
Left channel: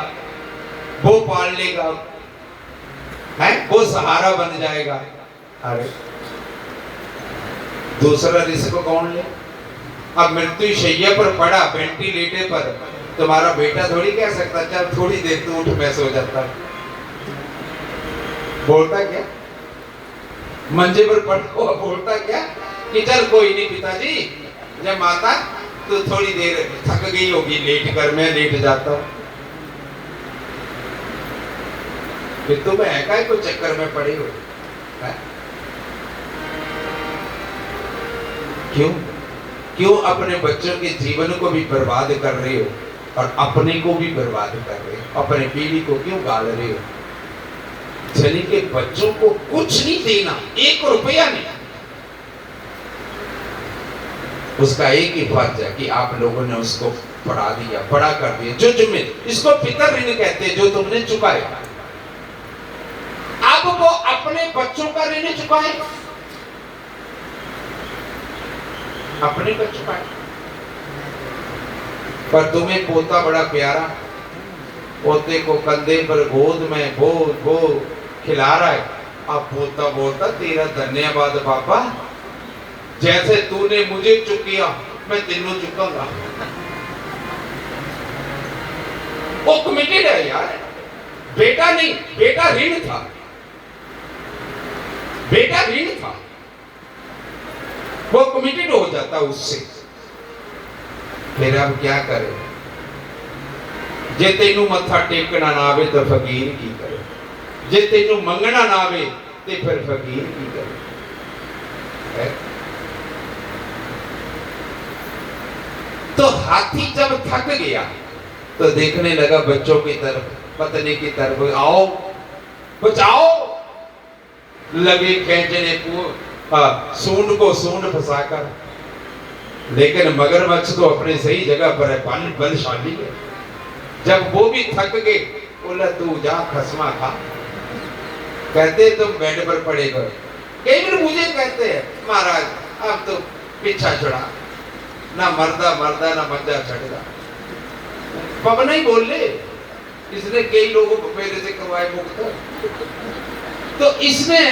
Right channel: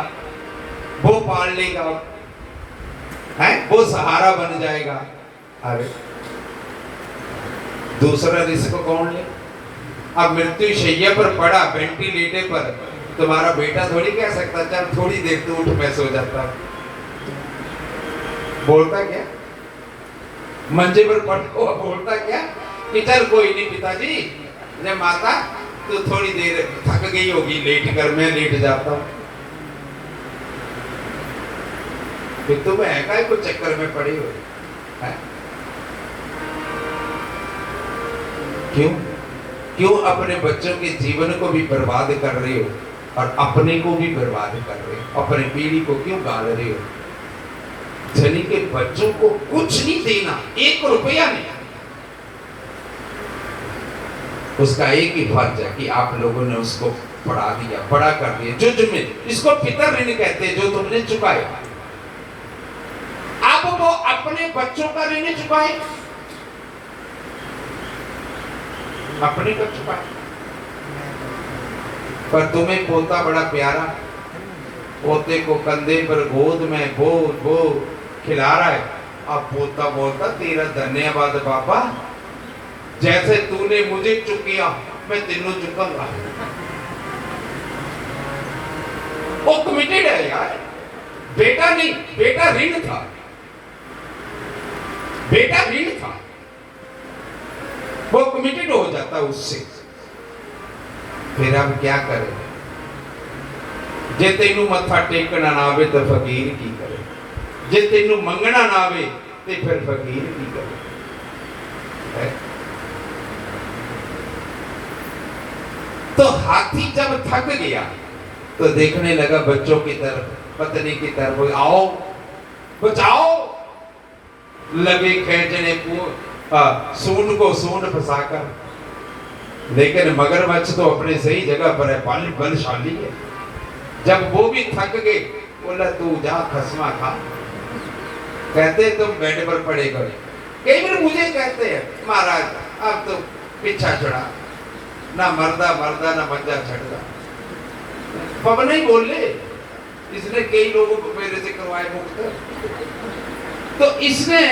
वो पाल लेगा, है वो सहारा बन जाएगा। अरे दूसरा रिस्क कौन ले? अब मृत्यु शैया पर पड़ा, वेंटिलेटर पर, तुम्हारा बेटा थोड़ी कह सकता चल थोड़ी देर तू उठ, मैं सो जाता। बोलता क्या? मंजे पर पड़ा बोलता क्या कि चल कोई नहीं पिताजी, जब माता तो थोड़ी देर थक गई होगी, लेट कर, मैं लेट जाता हूं। फिर तुम है को चक्कर में पड़े हो? क्यों अपने बच्चों के जीवन को भी बर्बाद कर रहे हो और अपने को भी बर्बाद कर रहे हो, अपने पीढ़ी को क्यों गाल रहे हो? चलिए के बच्चों को कुछ नहीं देना, 1 रुपया नहीं, उसका एक ही फर्ज है कि आप लोगों ने उसको पढ़ा दिया, बड़ा कर दिया। जो जिम्मे, इसको पितर ऋण कहते हैं, जो तुमने चुकाया। अब वो अपने बच्चों का ऋण चुकाए, अपने को चुकाए। पर तुम्हें पोता बड़ा प्यारा, पोते को कंधे पर गोद में वो खिला रहा है। अब पोता बोलता तेरा धन्यवाद पापा, जैसे तूने मुझे चुकिया मैं तेनों चुकाऊंगा। वो कमिटेड है यार, बेटा नहीं, बेटा ऋण था, बेटा ऋण था, वो कमिटेड हो जाता उससे। फिर अब क्या करे? जे तेनू मत्था टेकना ना आवे तो फकीर की करे, जे तेनू मंगना ना आवे तो फिर फकीर की करे। तो हाथी जब थक गया तो देखने लगा बच्चों की तरफ, पत्नी की तरफ, आओ बचाओ। लगे खींचने को सूंड को सूंड फंसाकर, लेकिन मगरमच्छ तो अपनी सही जगह पर है, बलशाली है। जब वो भी थक गए, बोला तू जा खसमा खा। कहते तुम बेड पर पड़े गए। कई बार मुझे कहते हैं महाराज अब तो पीछा चढ़ा, ना मर्दा ना मंजा चढ़ा। पवन ही बोल ले, इसने कई लोगों को मेरे से करवाए मुक्त। तो इसने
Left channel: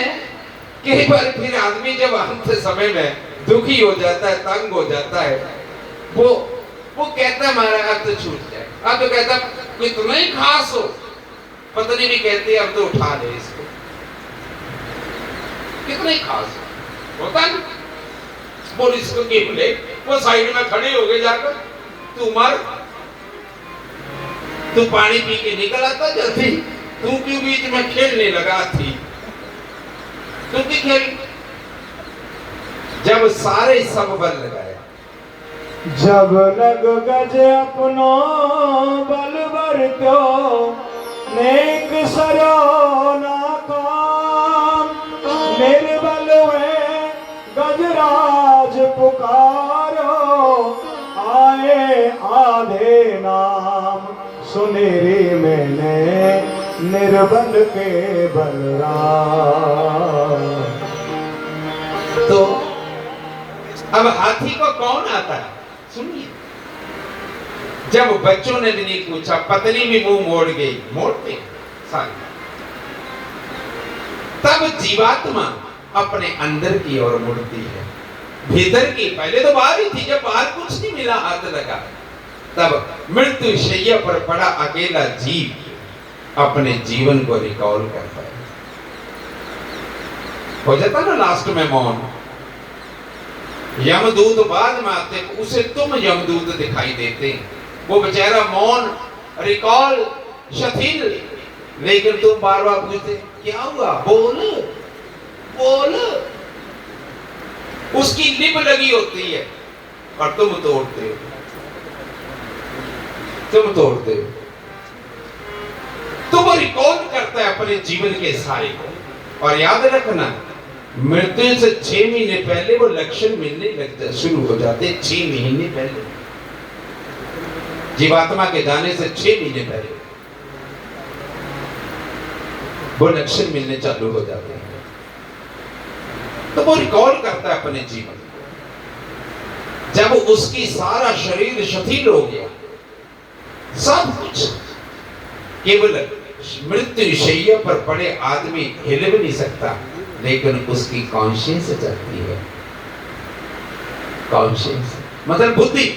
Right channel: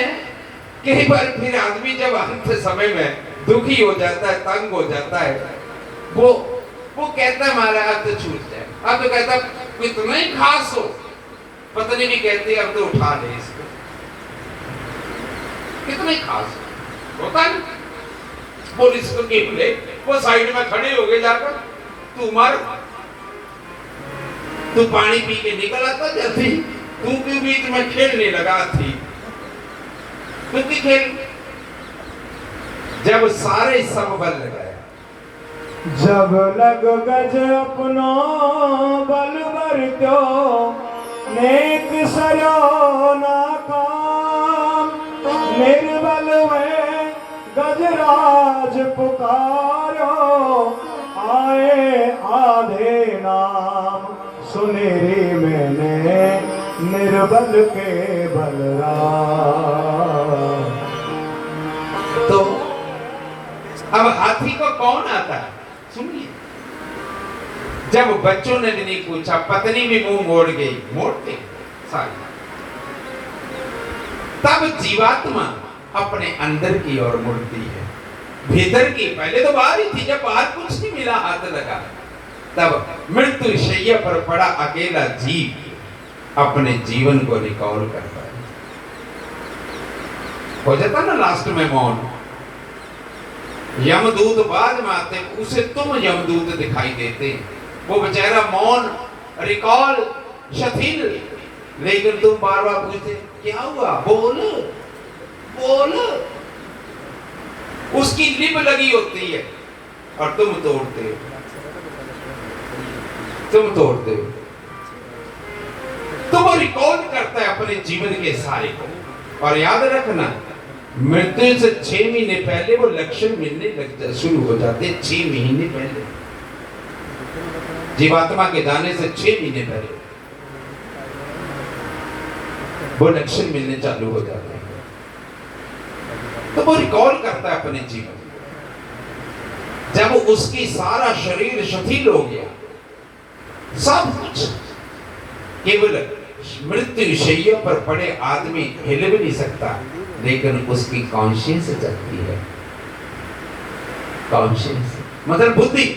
कई बार फिर आदमी जब अंत समय में दुखी हो जाता है, तंग हो जाता है, वो कहता है महाराज अब तो छूट जाए। अब तो कहता कितना ही खास हो, पत्नी भी कहती है अब तो उठा ले इसको, कितना ही खास होता है। बोल इसको गिर ले, वो साइड में खड़े हो गए जाकर, तू मर, तू पानी पी के निकल आता जल्दी, तू क्यों बीच में खेलने लगा थी? तू की खेल? जब सारे सब बल लगाया, जब लग गज अपनो बल त्यो नेक सरो ना काम, निर्बल में गजराज पुकारो, आए आधे नाम सुनेरी मैंने निर्बल के बलराम। तो अब हाथी को कौन आता है सुनिए। जब बच्चों ने भी नहीं पूछा, पत्नी भी मुंह मोड़ गई, मोड़ते सारी, तब जीवात्मा अपने अंदर की ओर मुड़ती है, भीतर की। पहले तो बाहर ही थी, जब बाहर कुछ नहीं मिला हाथ लगा, तब मृत्यु शैया पर पड़ा अकेला जीव अपने जीवन को रिकॉल करता है। हो जाता ना लास्ट में मौन। यमदूत बाद में आते, उसे तुम यमदूत दिखाई देते हैं, वो बेचारा मौन, रिकॉल, शिथिल, लेकिन तुम बार बार पूछते क्या हुआ, बोल बोल। उसकी लिप लगी होती है और तुम तोड़ते हो, तुम तोड़ते हो। तो वो रिकॉल करता है अपने जीवन के सारे को। और याद रखना, मृत्यु से 6 महीने पहले वो लक्षण मिलने लगते, शुरू हो जाते 6 महीने पहले। जीवात्मा के जाने से 6 महीने पहले वो लक्षण मिलने चालू हो जाते हैं। तो वो रिकॉल करता है अपने जीवन। जब उसकी सारा शरीर शिथिल हो गया, सब कुछ, केवल मृत्यु शैया पर पड़े आदमी हिल भी नहीं सकता, लेकिन उसकी कॉन्शियस चलती है। कॉन्शियस मतलब बुद्धि।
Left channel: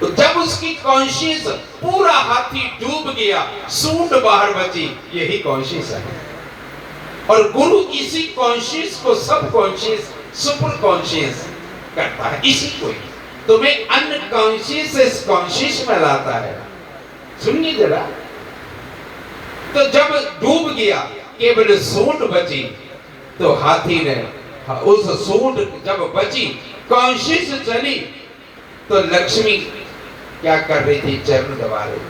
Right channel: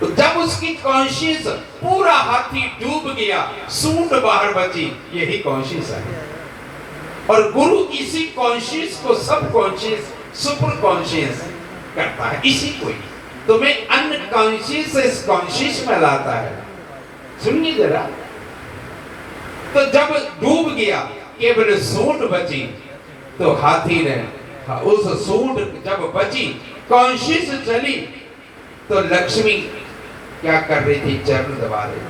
तो जब उसकी कॉन्शियस, पूरा हाथी डूब गया, सूंड बाहर बची, यही कॉन्शियस है। और गुरु इसी कॉन्शियस को सब कॉन्शियस, सुपर कॉन्शियस करता है, इसी को ही तुम्हें अनकॉन्शियस से कॉन्शियस में लाता है। सुनिए जरा। तो जब डूब गया, केवल सूंड बची, तो हाथी ने उस सूंड जब बची, कॉन्शियस चली, तो लक्ष्मी क्या कर रही थी, चरण दबा रही।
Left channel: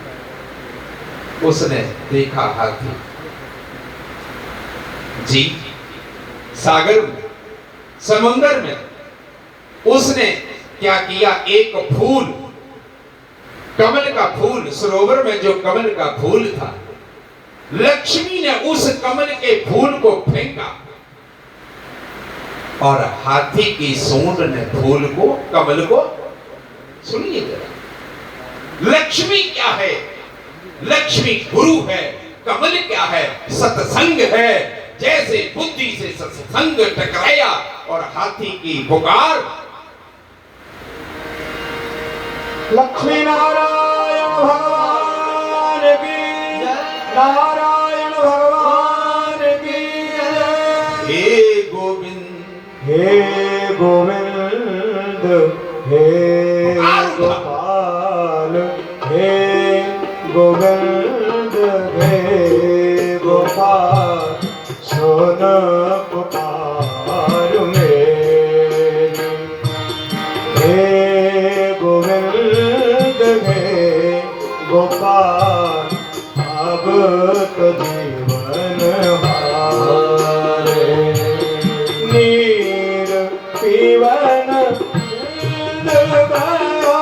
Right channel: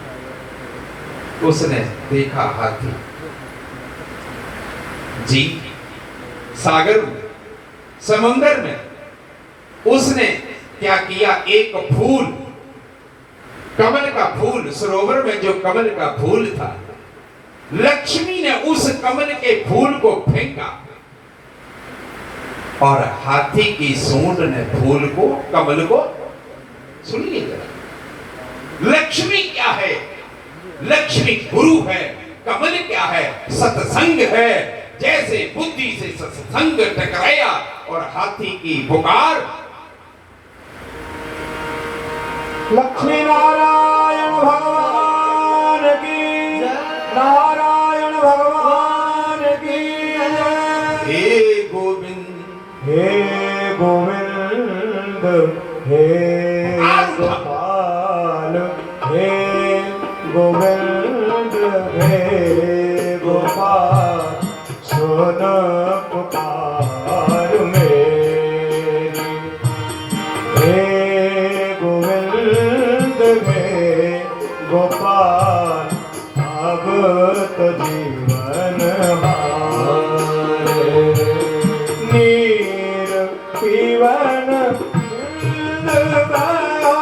उसने देखा हाथी जी सागर में, समुंदर में। उसने क्या किया, एक फूल, कमल का फूल, सरोवर में जो कमल का फूल था, लक्ष्मी ने उस कमल के फूल को फेंका और हाथी की सूंड ने फूल को, कमल को, सुनिए जरा, लक्ष्मी क्या है, लक्ष्मी गुरु है, कमल क्या है, सत्संग है। जैसे बुद्धि से सत्संग टकराया और हाथी की पुकार, लक्ष्मी नारायण भगवान की, नारायण भगवान की जय। हे गोविंद, हे गोविंद, हे गोपाल, हे गोविंद, हे गोपाल, सुन पुकार मेरी। हे गोविंद, हे गोपाल, अब तो जीवन हारे। नीर पीवन गयो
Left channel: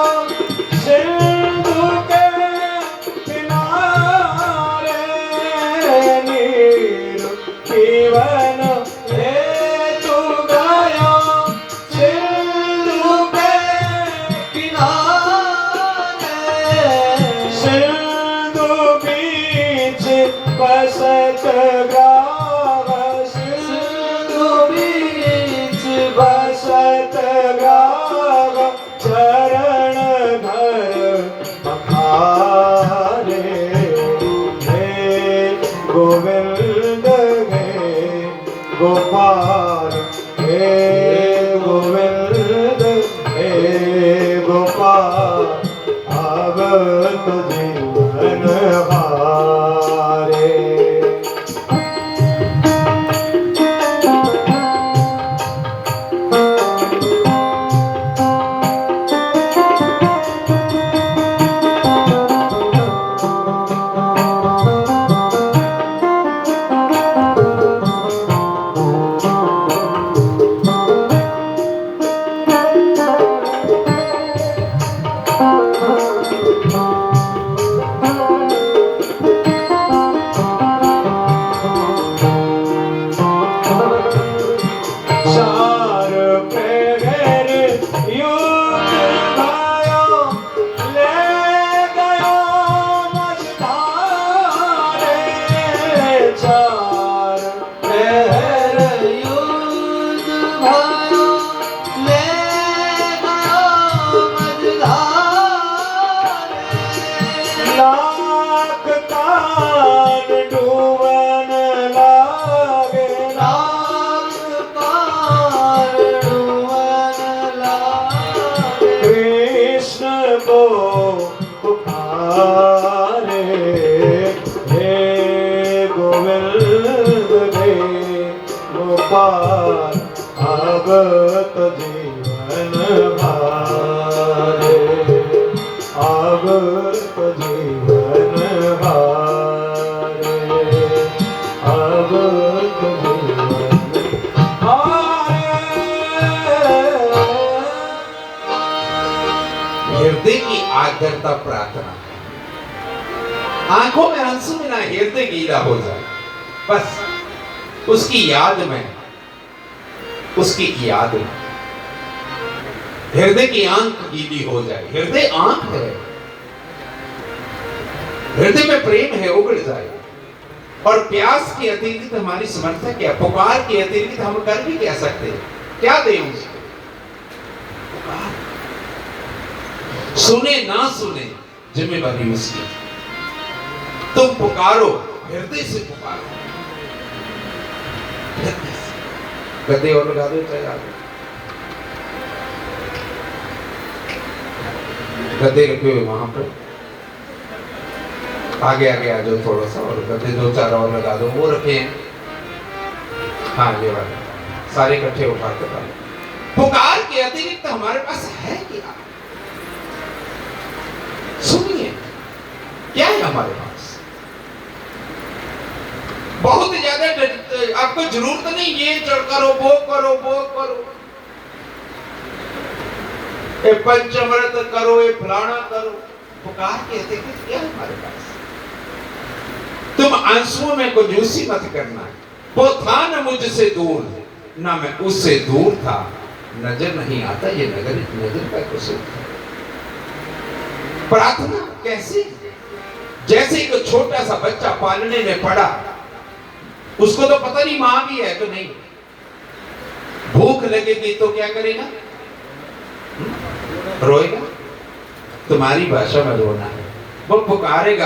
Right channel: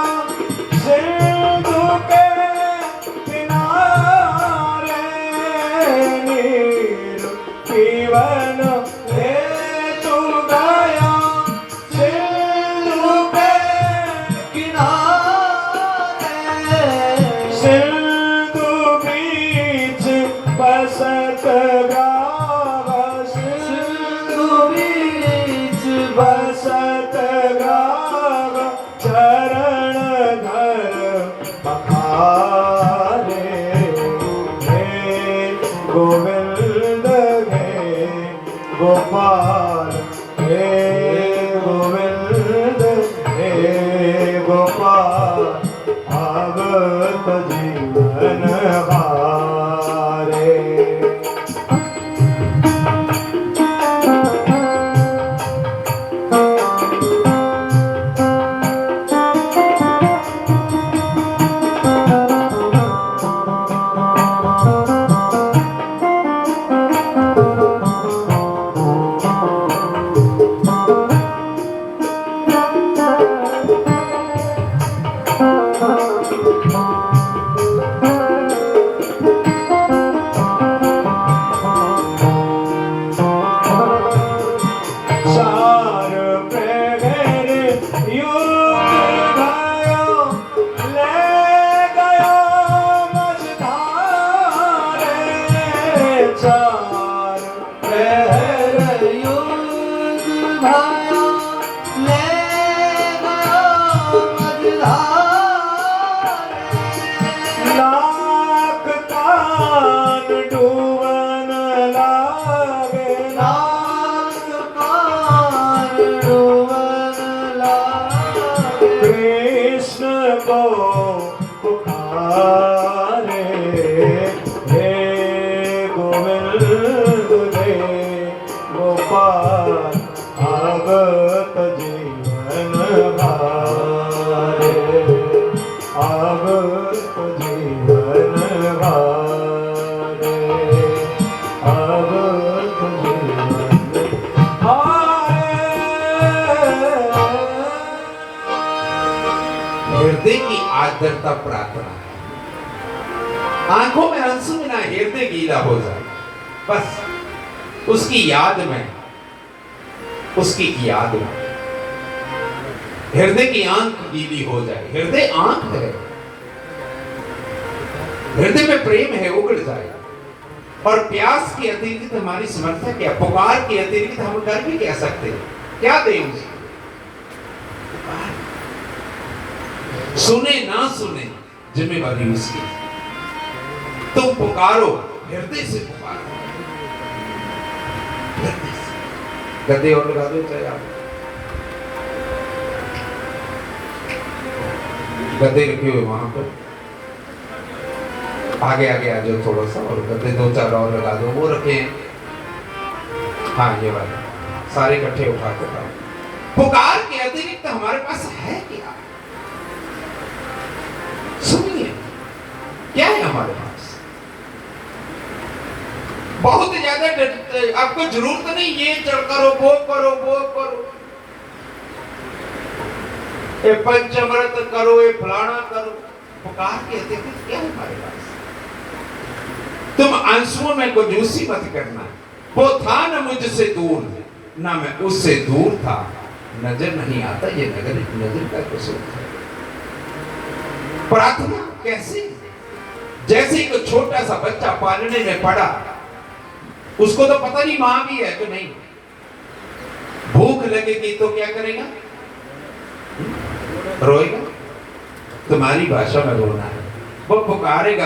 सिंधु के किनारे, नीर पीवन हेतु गयो सिंधु के किनारे। सिंधु बीच बसत ग्राम, सिंधु बीच बसत ग्राम, चरण घर पखारे। हे गोविंद, हे गोपाल, हे गोविंद, हे गोपाल, अब तो जीवन हारे। भाया ले गयो मझधारे लाख कान डूबन लागे लाख कान डूबन लागे कृष्ण को पुकारे हे गोविंद हे गोपाल आगत जीवन हारे आगत जीवन हारे आगत जीवन हारे। हृदय की आर्द्रता प्रार्थना है। आंखों में आंसू ना हृदय गीला हो जाए, बस उसकी याद में हृदय की आंख गीली हो जाए। हृदय आंख है, हृदय में प्रेम है, उगड़ जाए। और प्यास के अतिरिक्त हमारी समर्थ क्या, पुकार के अतिरिक्त हम कर भी क्या सकते हैं, क्या दें उसको? पुकार, सुने ना सुने जिम्मेवारी उसकी। तुम पुकारो, हृदय से पुकारो, हृदय से। गद्दे और लगा दो चाहे आप गद्दे रखे हुए वहां पर आगे आगे आ जाओ थोड़ा सा, और गद्दे 2-4 और लगा दो, वो रखे हैं। हाँ ये वाले सारे इकट्ठे उठा के लाओ। पुकार के अतिरिक्त हमारे पास है क्या? सुनिए, क्या है हमारे पास? बहुत ज्यादा आपको जरूरत नहीं ये करो वो करो वो करो, ये पंचमृत करो, ये फलाना करो। पुकार के अतिरिक्त क्या है हमारे पास? तुम आंसुओं में कंजूसी मत करना। वो था न मुझसे दूर, ना मैं उससे दूर था, नजर नहीं आता ये नजर का कुछ। प्रार्थना कैसे? जैसे एक छोटा सा बच्चा पालने में पड़ा, उसको तो पता नहीं मां भी है तो नहीं। भूख लगेगी तो क्या करेगा? रोएगा। तुम्हारी भाषा में रोना है, वो पुकारेगा।